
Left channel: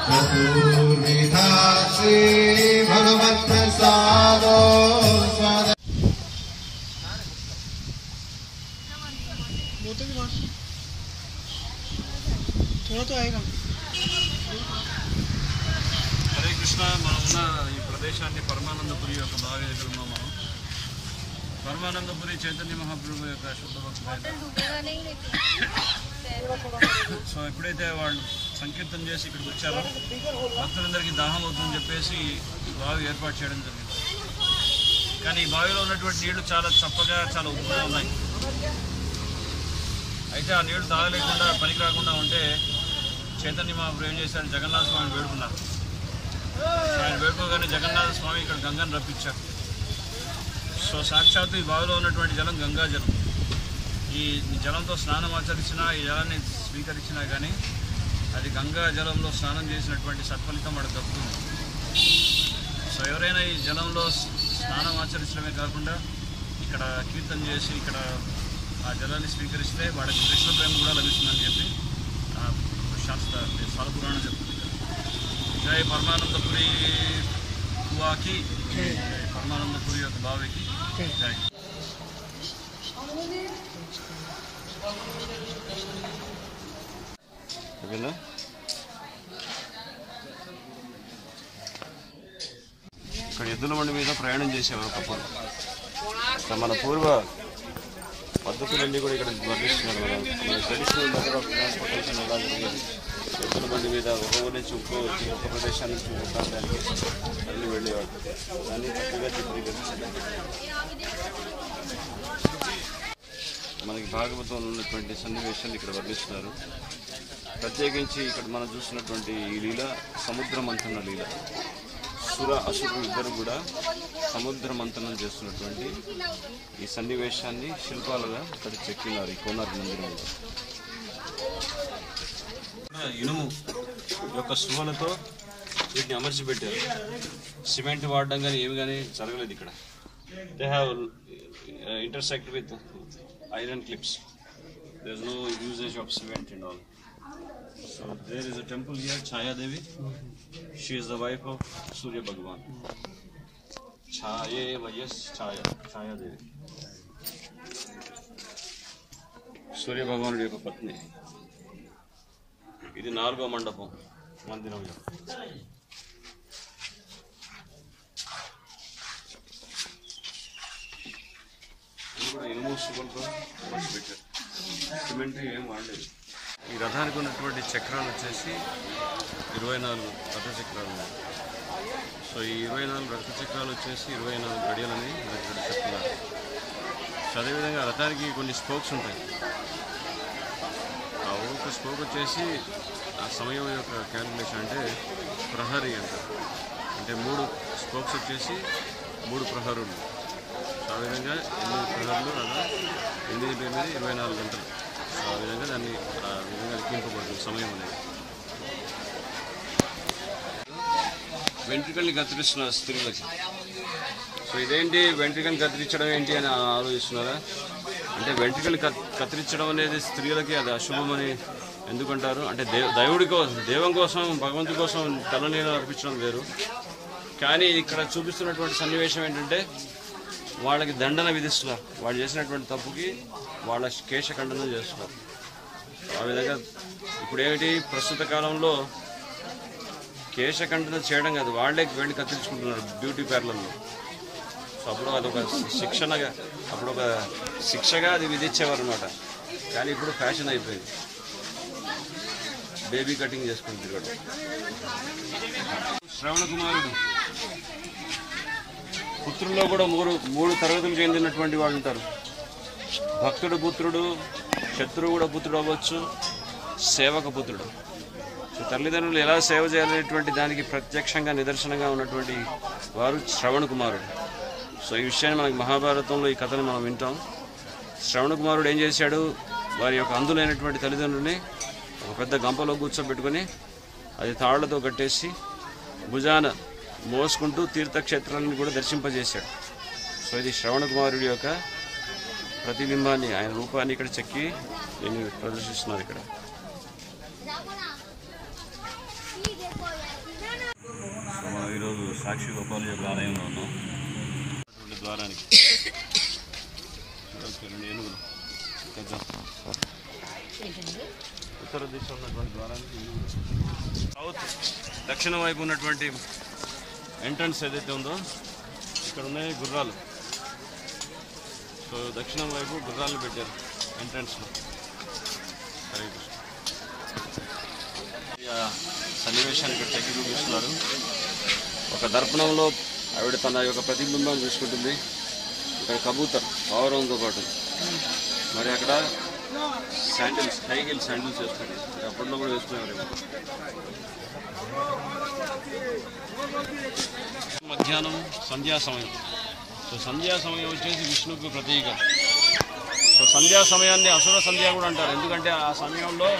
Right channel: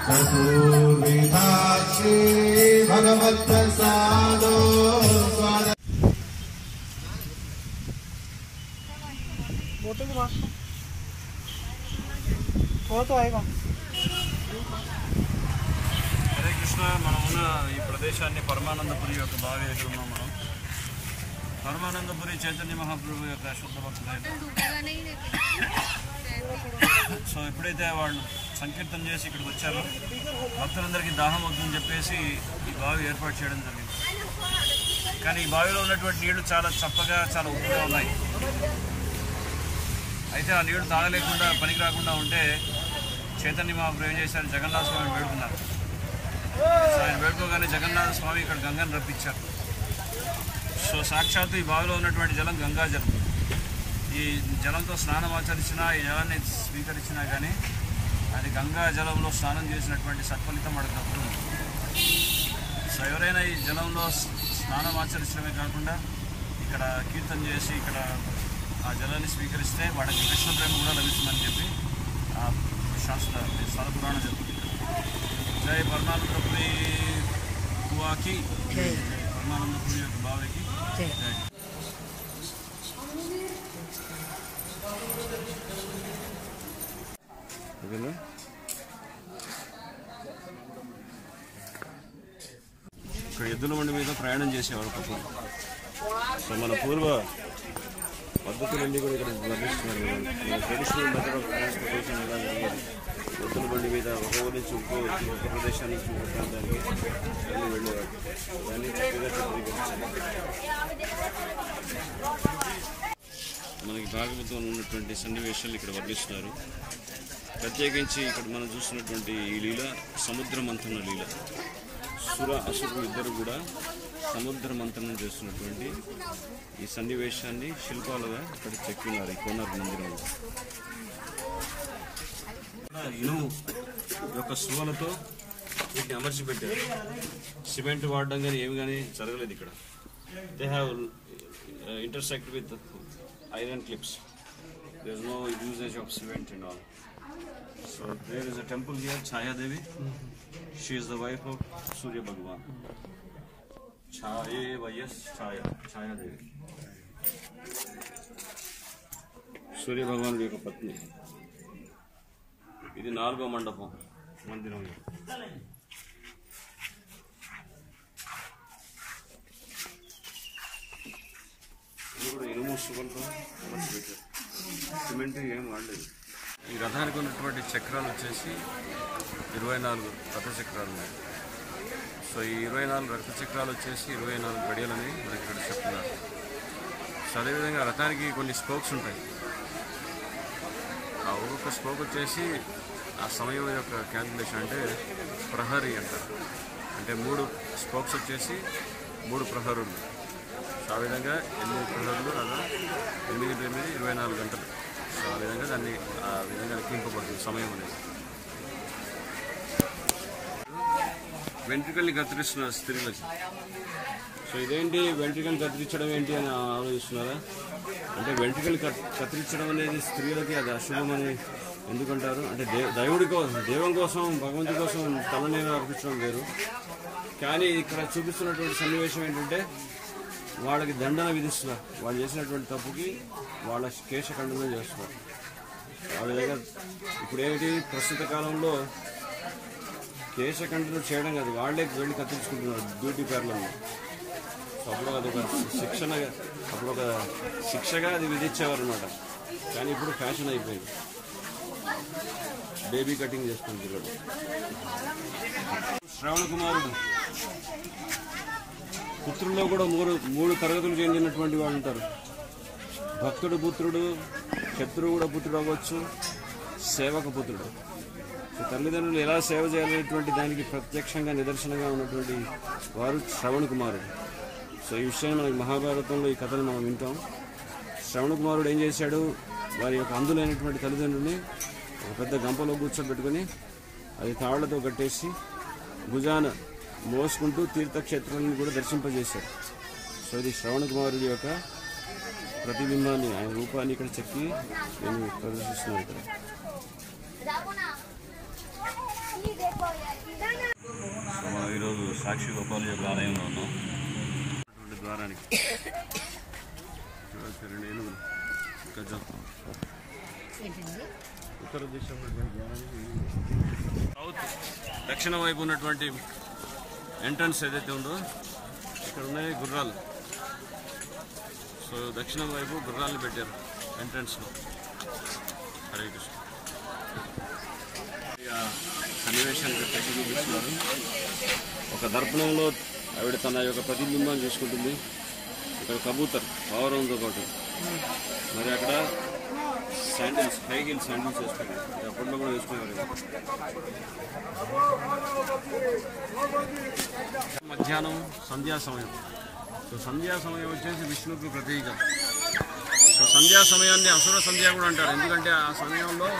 चतुर्विधा श्री भगवत्प्रसादो హరే కృష్ణ. మనం ఉన్న ఈ ప్రదేశాన్ని పరమానందపురి యొక్క బావి దగ్గర ఉన్నాం. మనం పరమానందపురి చైతన్య మహాప్రభు యొక్క శుద్ధ భక్తులైన సో ఎప్పుడైతే వాళ్ళు సంకీర్తన చేసి ఇక్కడికి వచ్చారో భక్తులందరికీ దాహం అవుతుందని చెప్పేసి ఈ బావి ఏర్పాటు చేయడం జరిగింది. కానీ ఈ బావిలో ఉన్నటువంటి నీళ్లు చాలా చప్పగా చాలా ఉప్పుగా ఉన్నాయి. అయితే ఆ నీళ్లు తాగలేకుండా పనికి రాకుండా ఉంటే చైతన్య మహాప్రభు ఏం చేశారు, జగన్నాథ స్వామిని వేడుకున్నారు. సో ఆయన వేడుకోగానే జగన్నాథ స్వామి ఇక్కడ గంగను రప్పించారు. సో సాక్షాత్తు ఈ బావిలో ఉన్నటువంటి జలం గంగా జలం. ఈ జలంతో స్నానం ఆచరించినా, ఈ జలాన్ని స్వీకరించినా కానీ అది గంగా జలంలో స్నానం చేసినటువంటి సత్ఫలితం వాడికి దక్కుతుంది. సో ఎవరైనా ఈ జలంలో స్నానం ఆచరించడమే కాకుండా ఇక్కడ కీర్తన చేసి ఇక్కడ ఆ జలాన్ని స్వీకరిస్తే వాడికి కృష్ణ ప్రేమ కూడా లభిస్తుందని చెప్పి శాస్త్ర స్థల పురాణం చెప్తుంది. ఇక్కడ జై పరమానందపురి కువాకి, జై పరమానందపురి యొక్క బావికి జై. ఇక్కడ ఎద్దుల బండి మీద ప్రయాణం చేసేవారు ఒకప్పుడు. మన పూర్వ పద్ధతులన్నీ కూడా ఇక్కడ వర్ణిస్తున్నారు. మన ట్రెడిషనల్ మెథడ్ ఆఫ్ ట్రాన్స్పోర్టేషన్ ఎలా జరిగేది, ఎద్దుల బండి మీద ఒక ఊరి నుంచి ఒక ప్రదేశాన్ని నుంచి ఒక ప్రాంతానికి వెళ్ళేవాడు. దాన్ని చక్కగా చిత్రీకరించారు. మనకి భాగవతంలో ఉన్నటువంటి సన్నివేశాలు ఇక్కడ వర్ణిస్తున్నారు. ప్రత్యేకించి ఇక్కడ మనం చూస్తున్నటువంటి ఈ లీల సముద్ర మంథన లీల. సుర అసురులు ఇద్దరు కూడా సముద్ర మంథనం చేస్తున్నటువంటి ఈ సన్నివేశాన్ని శిల్పాలుగా ఇక్కడ చెక్కినారు ఈ కోనార్క్ మందిరంలో. ఇనుము యొక్క సువలతో వీటిని అమర్చిపెట్టారు. సిమెంట్ వాడడం కానీ ఏమి కానీ జరగలేదు ఇక్కడ. They have intersect with iron clips. There is no usage of cement and all. So there is a temple here, Chaya Devi. She is the wife of Surya Bhagwan. Chaye Vayas Chaya, Chaya Devi. Surya Bhagwan యొక్క పత్ని. ఇది 4వ మండపం మందిరం. ఇప్పుడు ఇనుము సుగంతో పెట్టారు. Cement ఏం వాడలేదు. ఈ రథానికి ఉన్నటువంటి చక్రాలు వచ్చేసి 24 రథ చక్రాలు ఉన్నాయి. సో ఈ 24 రక్త చక్రాలు వచ్చేసి 24 గడియలని మనకి ఇక్కడ చెప్తున్నారు. సో అదేవిధంగా రథానికి కొన్ని స్పోక్స్ ఉంటాయి. ఆ ఒక్కొక్క స్పోక్ వచ్చేసి ఆ సమయం యొక్క క్యాలిక్యులేషన్ అంటే ప్రహరీ అంటారు. అంటే 3 స్పోక్స్ వచ్చేసి 3 ప్రహరులు. సో ఆ విధంగా 8 ప్రహరులు అలా 8 × 8 24 గంటలు. సో ఆ విధంగా దాన్ని ఆ విధంగా లెక్కింపబడుతుంది సమయం అనేది. వెంట్రుకల్ని కత్తిరిస్తున్నారు స్త్రీలకి. సో ఇదేంటి వెంట్రుకల్ని కత్తిరించడం ఏంటి అని ఆలోచిస్తున్నారా? అంటే వెంట్రుకల్ని కత్తిరించడం అనేది స్త్రీలకి అది అశుభం అని ఎందుకంటారు అంటే దేవుడి కోసం, దేవుని కోసం, భగవంతుడి కోసం తలనీళ్ళు అర్పించడం వేరు. కానీ ఇక్కడ చూపిస్తున్నటువంటి సన్నివేశం ఏంటంటే వాళ్ళకి దండన విధిస్తున్నారు. వాళ్ళు చేసినటువంటి తప్పుకి వాళ్ళ కేశఖండన చేస్తున్నారు. ఆ విధంగా ఇప్పుడు ఏమిటి ప్రస్తుత కాలంలో కేశఖండన చేయడం కాదు, వాళ్ళే వెళ్ళి కత్తిరించుకుంటున్నారు బ్యూటీ పార్లర్లో. అప్పుడు అదొక శిక్షగా అది విధించేవారు అనమాట. కానీ ఇప్పుడు ఫ్యాషన్ అయిపోయింది, బేబీ కటింగ్ చేసుకుంటుంది కూడా. శ్రవణ కుమారుడు పుత్రుల్లో కూడా మూడు తరగతులు చెందినటువంటి వాళ్ళు ఉంటారు. భక్తుడు పుత్రుడు, శత్రువు కూడా పుత్రుడు అవ్వచ్చు, సేవక పుత్రుడు. తల్లిదండ్రులు ఎలా సేవ చేయాలనేటువంటి దానికి ప్రత్యక్షంగా నిదర్శనంగా ఉన్నటువంటి వారు శ్రవణ కుమారుడు. సో ఈ విషయాన్ని మనకి మహాభారతంలో ఈ కథను మనం వింటాం. శ్రవణ కుమారుడు ఏం చేశాడు, వారి యొక్క అందులైనటువంటి తల్లిదండ్రుల్ని ఒక పెద్ద గంపలో కూర్చోబెట్టుకొని అది తాళ్లతో కట్టేసి భుజాన మోసుకుంటూ తీర్థక్షేత్రాలను కూడా దర్శింపజేశాడు. సో ఇది శ్రవణ కుమారుడి యొక్క ప్రతిబింబాన్ని, ఆయన రూపాన్ని ఇక్కడ చెక్కి నేను ప్రదర్శిస్తున్నారు. ఇక్కడ మనం ఈరోజు సాక్షి గోపాల యొక్క ఆలయంలో ఉన్నాం. ద్వారానికి చూడవచ్చు 2 ఏనుగులు ఉత్తర దిశ ఉన్నటువంటి ద్వారానికి సౌత్ దక్షిణ వైపు ఉన్నటువంటి ఎంట్రన్స్ ఏదైతే ఉందో ఇక్కడ ఉన్నాయి గుర్రాలు. సో దక్షిణం వైపు గుర్రాలను పెట్టారు ఎంట్రన్స్లో. హరే కృష్ణ. సన్నివేశాన్ని ఇక్కడ చెక్కి చూపిస్తున్నారు. ఒక దర్పణంలో ఆవిడ తన యొక్క ప్రతిబింబాన్ని చూసుకుంటుంది. ఇక్కడ కబూతర్ పావురంతో పాటు, మరి అక్కడ శాండిల్స్, హై హీల్ శాండిల్స్ వేసుకుంటారు. అప్పట్లో కూడా వేసుకున్నారు. మధ్యాహ్నం సంధ్యా సమయం. సో సంధ్యా సమయం వచ్చేసి విష్ణువుకు ప్రతీక. సో సంధ్యా సమయాన్ని అసుర సంధ్య కూడా అంటారు. ఎందుకంటే ఆ సమయంలో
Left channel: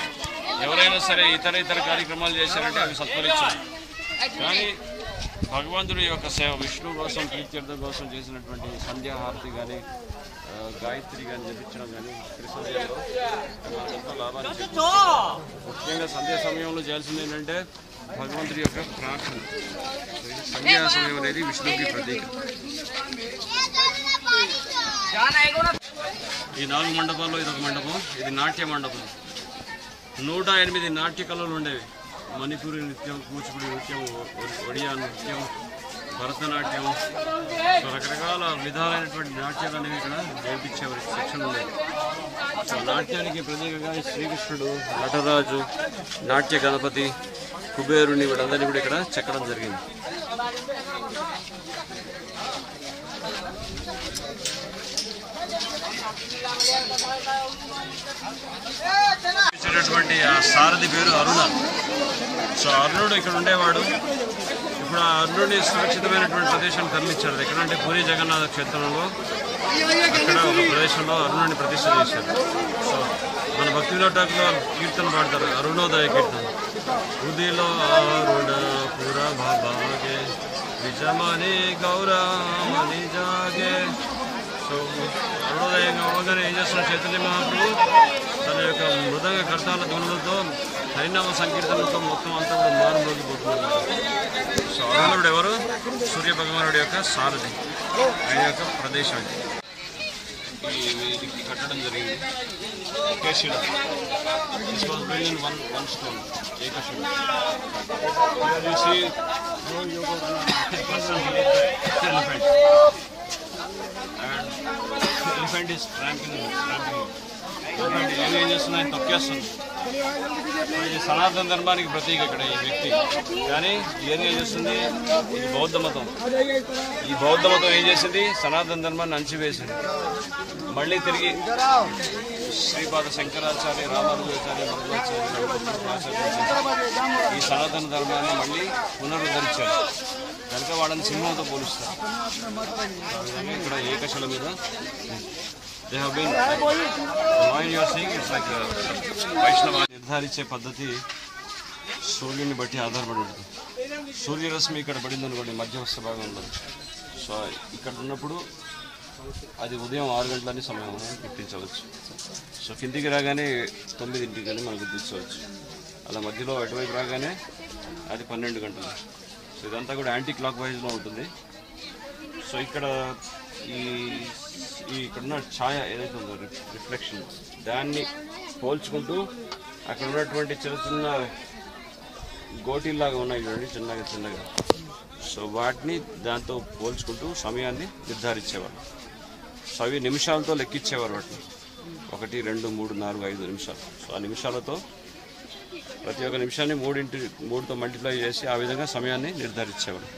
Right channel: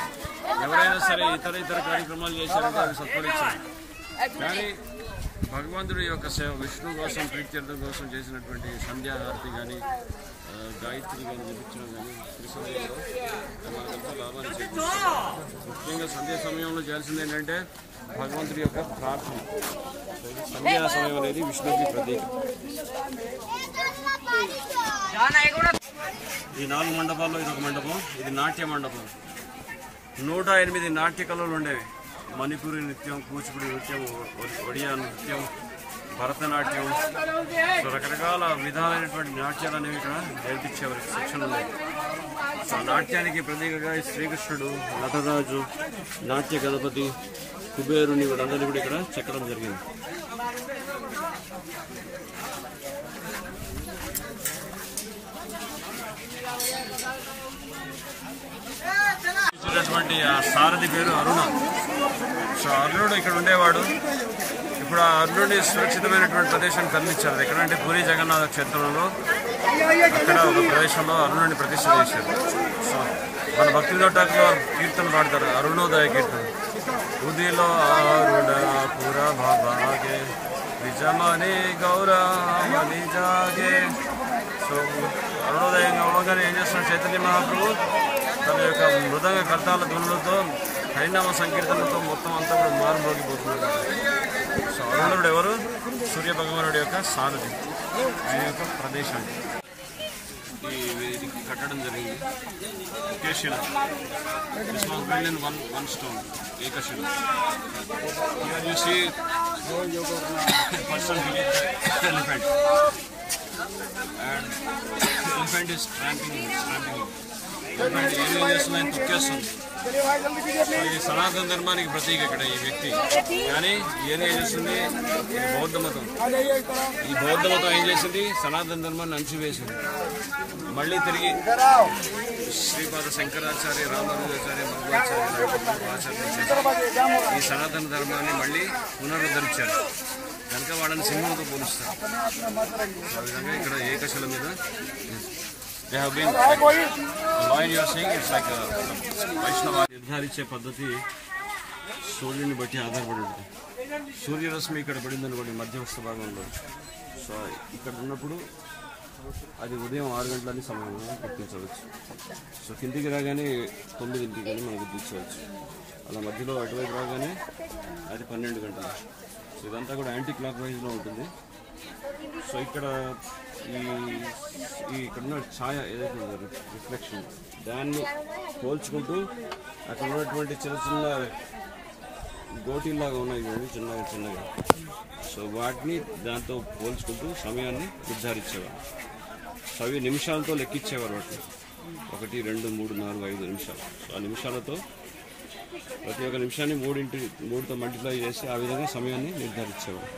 ఎవరైనా సరే ఇతర కార్యక్రమాలు చేశారంటే అవి సత్ఫలిస్తాయి. కానీ భగవంతుడి యొక్క సేవ, విష్ణు కోసం ప్రీత్యర్థం కోసం చేసినటువంటి సంధ్యాహారతి కానీ గాయత్రి కానీ జపించడం కానీ త్రిసంధ్యలో ఎంతో లాభాలు చేకూరుస్తాయి. ముఖ్యంగా సంధ్యా సమయంలో చేయాల్సింది ఏంటంటే భగవంతుడి యొక్క ప్రార్థన. సంధ్యా సమయం అనేది విష్ణువుకి ప్రతీక. ఈ 4 మండపాల్లో ఇదొక మండపం. ఇది నాట్య మండపం. 108 నాట్య కళలు ఉండేవి. మణిపూరి నృత్యం, కూచిపూడి నృత్యం, ఒడియా నృత్యం, భరతనాట్యం, సో రకరకాల విధాలైనటువంటి నాట్యాలు అనేవి ఇక్కడ నేర్పించేవారి శిక్షణ ఉండేది. సో నాట్యానికి ప్రతీకగా శ్రీకృష్ణుడు, నటరాజు, నాట్య గణపతి, కుబేరుని వీళ్ళందరినీ కూడా ఇక్కడ చెక్కడం జరిగింది. ఇచ్చేటటువంటి ఆ సారథి పేరు అరుణ. సో అరుణుడు ఇక్కడ ఉండేవాడు. ఇప్పుడు ఆ అరుణుడిని సురక్షితమైనటువంటి ప్రదేశాన్ని తరలించారు. ఎక్కడంటే పూరి జగన్నాథ క్షేత్రంలో అక్కడ ఒక ప్రదేశంలో అరుణుడిని ప్రతిష్ఠ చేశారు. సో మన భక్తి వినోటాకులో కీర్తన పాడతారు, అరుణోదయ కీర్తన. ఉదిలో అరుణ పుర భాగే విజమని గౌరమని జాగే. సో అరుణోదయం అవ్వగానే ఏం చేస్తున్నారు చైతన్య మహాప్రభు తన యొక్క మృదంగ కర్తాల ధ్వనులతో, హరినామ సంకీర్తనలతో మొత్తం అంతా కూడా మారుమోగిపోతున్నారు. సో అరుణుడు ఎవరు? సూర్య భగవానుడి యొక్క సారథి, ఆయన యొక్క ప్రదేశం ఇది కట్టడం జరిగింది. కేశిడ వన్ స్టోన్, ఏకశిడ. You see person beneath the elephant, and elephant is tramping. ఏం చేస్తుందని తొక్కేస్తుంది. ఈ సనాతన ధర్మానికి ప్రతీక ఇక్కడ ఈ వ్యక్తి. కానీ ఏం చేస్తుంది, ఇది బౌద్ధ మతం. ఈ బౌద్ధ మతం ఏం చేసింది, సనాతన ధర్మాన్ని అంచివేసింది. మళ్ళీ తిరిగి శ్రీపాద శంకరాచార్య, రామానుజాచార్య, మధ్వాచార్య, ఆచార్య ఈ సనాతన ధర్మాన్ని మళ్ళీ పునరుద్ధరించారు. కనుక వాళ్ళని సింహంతో పోలుస్తారు. ఆ విధంగా ఇక్కడ ఏకశల మీద they have been like the line you are seeing, it's like a Vaishnava. నిర్ధారించే పద్ధతి సూర్యుని బట్టి ఆధారపడి ఉంటుంది. సూర్యరశ్మి ఇక్కడ పడింది అనుకోండి మధ్యస్థ భాగంలో, సో ఇక్కడ ఉన్నప్పుడు అది ఉదయం 6 గంటలని సమయం గుర్తించవచ్చు. సో కిందికి రాగానే 9 కానీ మనం గుర్తించవచ్చు. అలా మధ్యలో అటువైపు రాగానే అది 12 గంటలు. సో ఇదంతా కూడా యాంటీ క్లాక్ వైజ్లో ఉంటుంది. సో ఇక్కడ ఇక్కడున్న ఛాయ ఏదైతే ఉందో రిఫ్లెక్షన్, దాన్ని పోల్చుకుంటూ అక్కడ ఉన్నటువంటి చిన్న చిన్న గోటీల్లాగా ఉన్నాయి చూడండి, చిన్నగా. సో వాటిని దాంతో పోల్చుకుంటూ సమయాన్ని నిర్ధారించేవాడు. సో అవి నిమిషాలతో లెక్కించేవారు వాటిని. 1, 2, 3, 4, 5 నిమిషాలు. సో ఆ నిమిషాలతో ప్రతి ఒక్క నిమిషాన్ని 3తో మల్టిప్లై చేసి ఆ విధంగా సమయాన్ని నిర్ధారించేవాడు.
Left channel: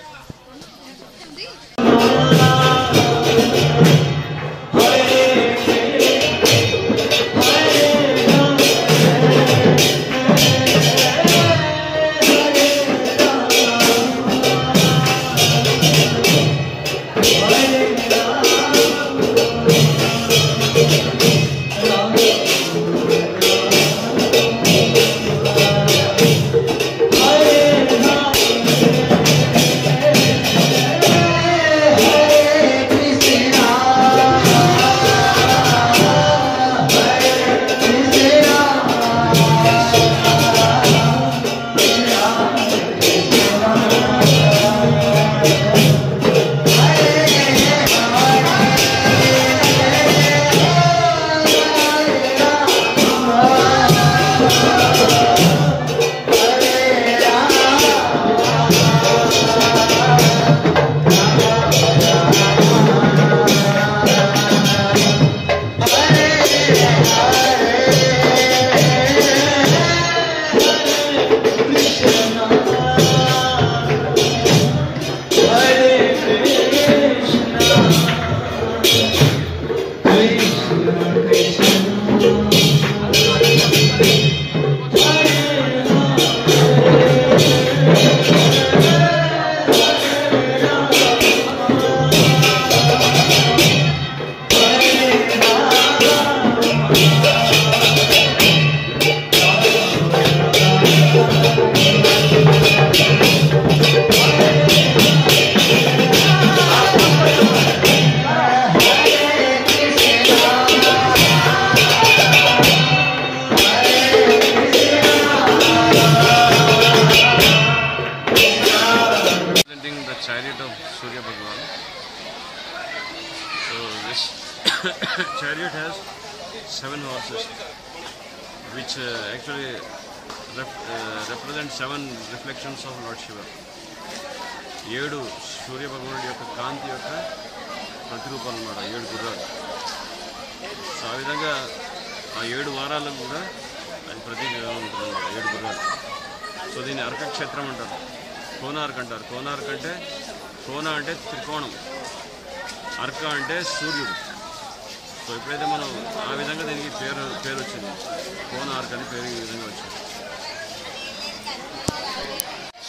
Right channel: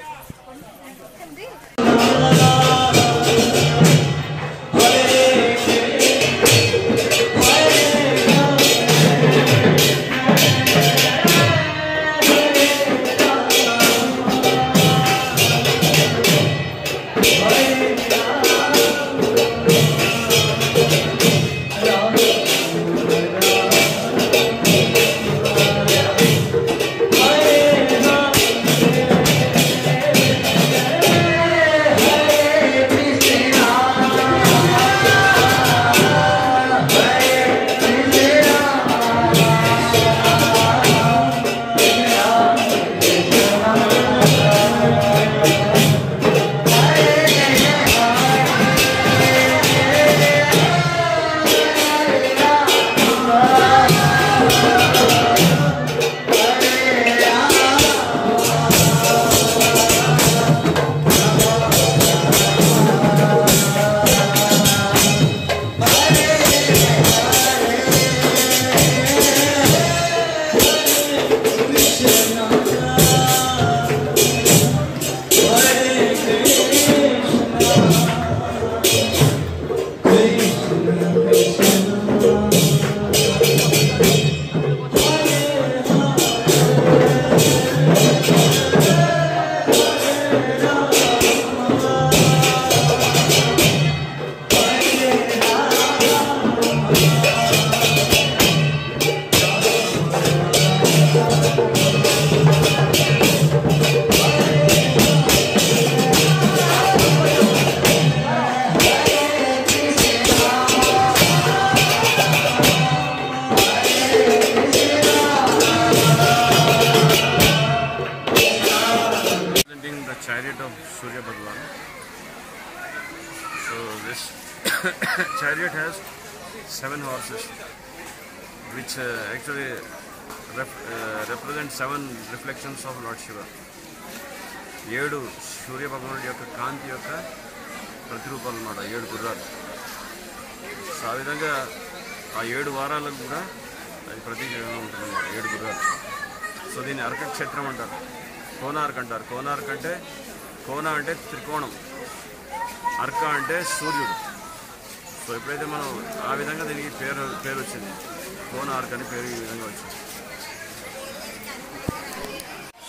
Chariot of Surya Bhagwan. So this chariot has 7 horses, which actually represent 7 reflections of Lord Shiva. 7 సూర్య భగవానుడి యొక్క కాంతి యొక్క ప్రతిరూపాలు అన్నమాట, 7 గుర్రాలు. సో ఆ విధంగా ఆ 7 వారాలకు కూడా అది ప్రతీకగా ఉంటుంది అన్నమాట, 7 గుర్రాలు. సో దీన్ని అర్కక్షేత్రం అంటారు, కోనార్క్ అంటారు. కోనార్క్ అంటే కోన అంటే త్రికోణం, అర్క అంటే సూర్యుడు. సో ఎప్పుడైతే మనం ఆ విధంగా దీనికి పేరు వచ్చింది, కోనార్క్ అని పేరు ఈ విధంగా వచ్చింది.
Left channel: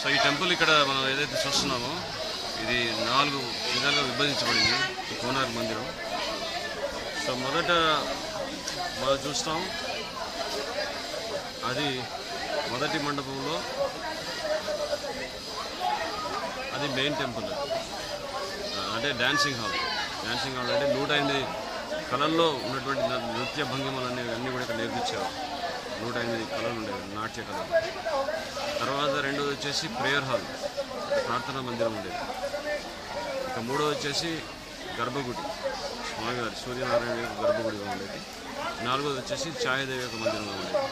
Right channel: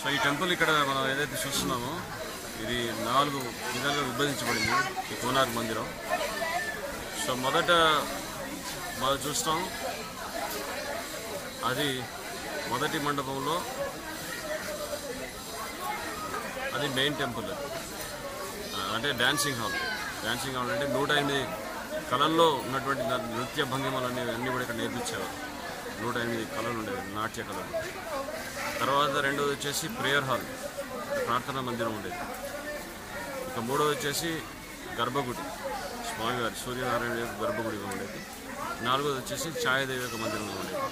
సో ఈ టెంపుల్ ఇక్కడ మనం ఏదైతే చూస్తున్నామో ఇది 4 విధాలుగా విభజించబడింది ఈ కోనార్క్ మందిరం. సో మొదట మనం చూస్తాం, అది మొదటి మండపంలో అది మెయిన్ టెంపుల్, అది అంటే డాన్సింగ్ హాల్. డాన్సింగ్ హాల్ అంటే 108 కళల్లో ఉన్నటువంటి నృత్య భంగిమలు అన్నీ కూడా ఇక్కడ నేర్పించేవారు. 108 కళలు ఉండేవి, నాట్య కళలు. తర్వాత రెండోది వచ్చేసి ప్రేయర్ హాల్, అంటే ప్రార్థనా మందిరం ఉండేది. ఇక మూడోది వచ్చేసి గర్భగుడి, స్వామివారి సూర్యనారాయణ యొక్క గర్భగుడిగా ఉండేది. 4వది వచ్చేసి ఛాయాదేవి యొక్క మందిరంగా ఉండేది.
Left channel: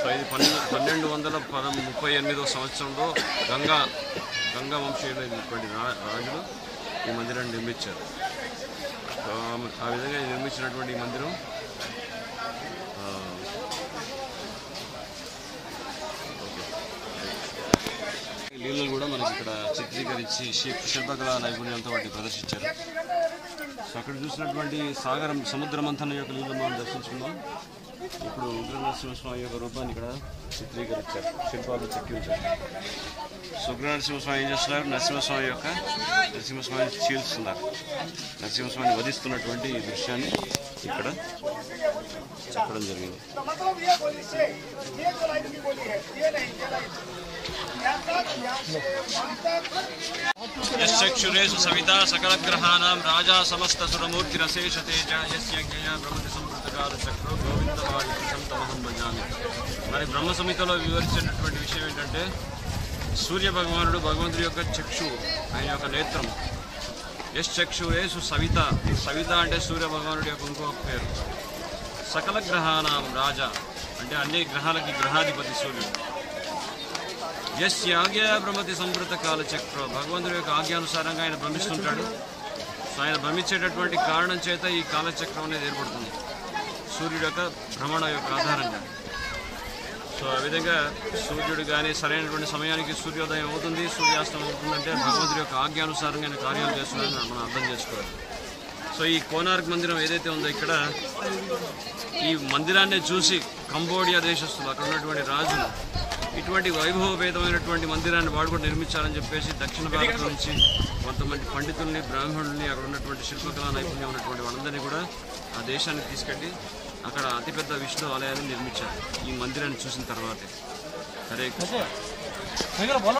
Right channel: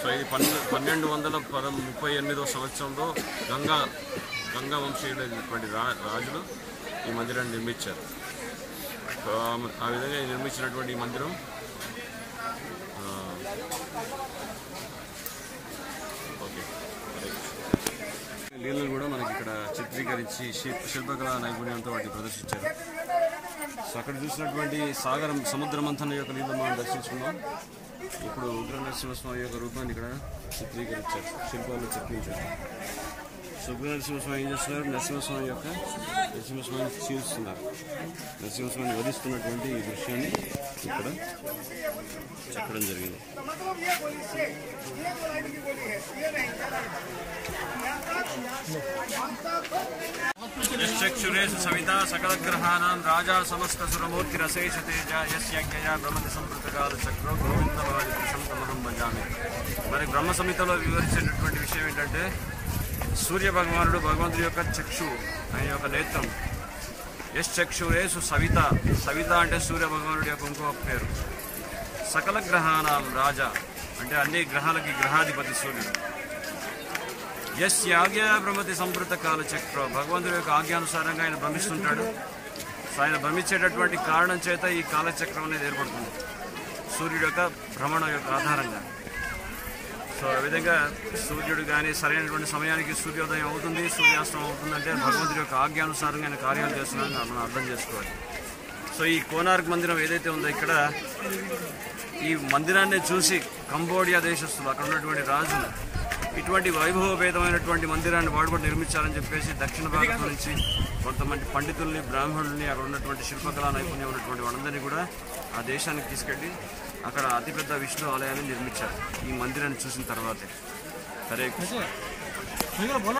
సో ఇది 1238వ సంవత్సరంలో గంగా వంశీయులైనటువంటి రాజులు ఈ మందిరాన్ని నిర్మించారు. సో ఆ విధంగా నిర్మించినటువంటి ఈ మందిరం లీలలు కూడా మనకి ఇక్కడ చిత్రీకరించి శిల్పకళా నైపుణ్యంతో వాటిని ప్రదర్శించారు. సో అక్కడ చూసినటువంటి సముద్ర మంథన యొక్క లీలలు మనం దర్శించుకున్నాం. ఇప్పుడు ఉగ్ర నరసింహస్వామి యొక్క రూపాన్ని ఇక్కడ చిత్రీకరించారు, శిల్పాలు చెక్కించారు. సో ఉగ్ర నరసింహస్వామి ఏం చేస్తున్నారు? నరసింహస్వామిని చీల్స్తున్నారు. నరసింహస్వామిని వధిస్తున్నటువంటి ఈ దృశ్యాన్ని ఇక్కడ చెప్పడం జరిగింది. యశ్చక్షురేషు సవితా సకలగ్రహాణాం రాజా సమస్త సురమూర్తిరశేష తేజ యస్యజ్ఞయా బ్రహ్మతి సంపృతకాల చక్రో గోవిందమాది సంతమహం భజామి. మరి బ్రహ్మ సంహితలో వివరించేటటువంటి విషయం ఏంటంటే సూర్య భగవానుడు భగవంతుడి యొక్క చక్షువు, ఆయన యొక్క నేత్రం. యశ్చక్షురేషు సవిత, సవిత అంటే సూర్య భగవానుడి యొక్క ఇంకొక పేరు. సకల గ్రహాణాం రాజా అంటే అన్ని గ్రహాలకి గ్రహాధిపతి సూర్యుడు. యస్య ఆజ్ఞా బ్రహ్మతి సంపృత కాల చక్రో, భగవంతుడి యొక్క ఆజ్ఞానుసారంగా ఆయన భ్రమిస్తుంటాడు. సో ఆయన భ్రమించేటటువంటి కారణం చేత ఈ కాలచక్రం అనేది ఏర్పడుతుంది సూర్యుడు యొక్క భ్రమణ యొక్క ఆధారంగా. సో ఆ విధంగా సూర్యుడు కానీ సరైనటువంటి సమయానికి సూర్యోదయం అవుతుంది, సూర్యాస్తం అవుతుందంటే భగవంతుడి యొక్క ఆజ్ఞానుసారంగా ఆయన కార్యాలు చేస్తున్నాడని మనం అర్థం చేసుకోవాలి. సో ఈ కోనార్క్ మందిరం ఏదైతే ఉందో ఇక్కడ ఈ మందిరాన్ని చూసి కంబోడియా దేశస్తులు అక్కడ ఉన్నటువంటి రాజులు ఇటువంటి వైభవభేదమైనటువంటి మందిరాన్ని వాడు కూడా నిర్మించాలని చెప్పేసి దక్షిణ భారతం నుంచి కొంతమంది పండితుల్ని బ్రాహ్మణుల్ని అక్కడ ఉన్నటువంటి శిల్పకళా నైపుణ్యం ఉన్నటువంటి వాళ్ళందరినీ కూడా ఆ దేశానికి తీసుకెళ్ళి అక్కడ అతిపెద్ద విష్ణు ఆలయాన్ని నిర్మించారు ఈ మందిరాన్ని చూసిన తర్వాతే. హరే కృష్ణ.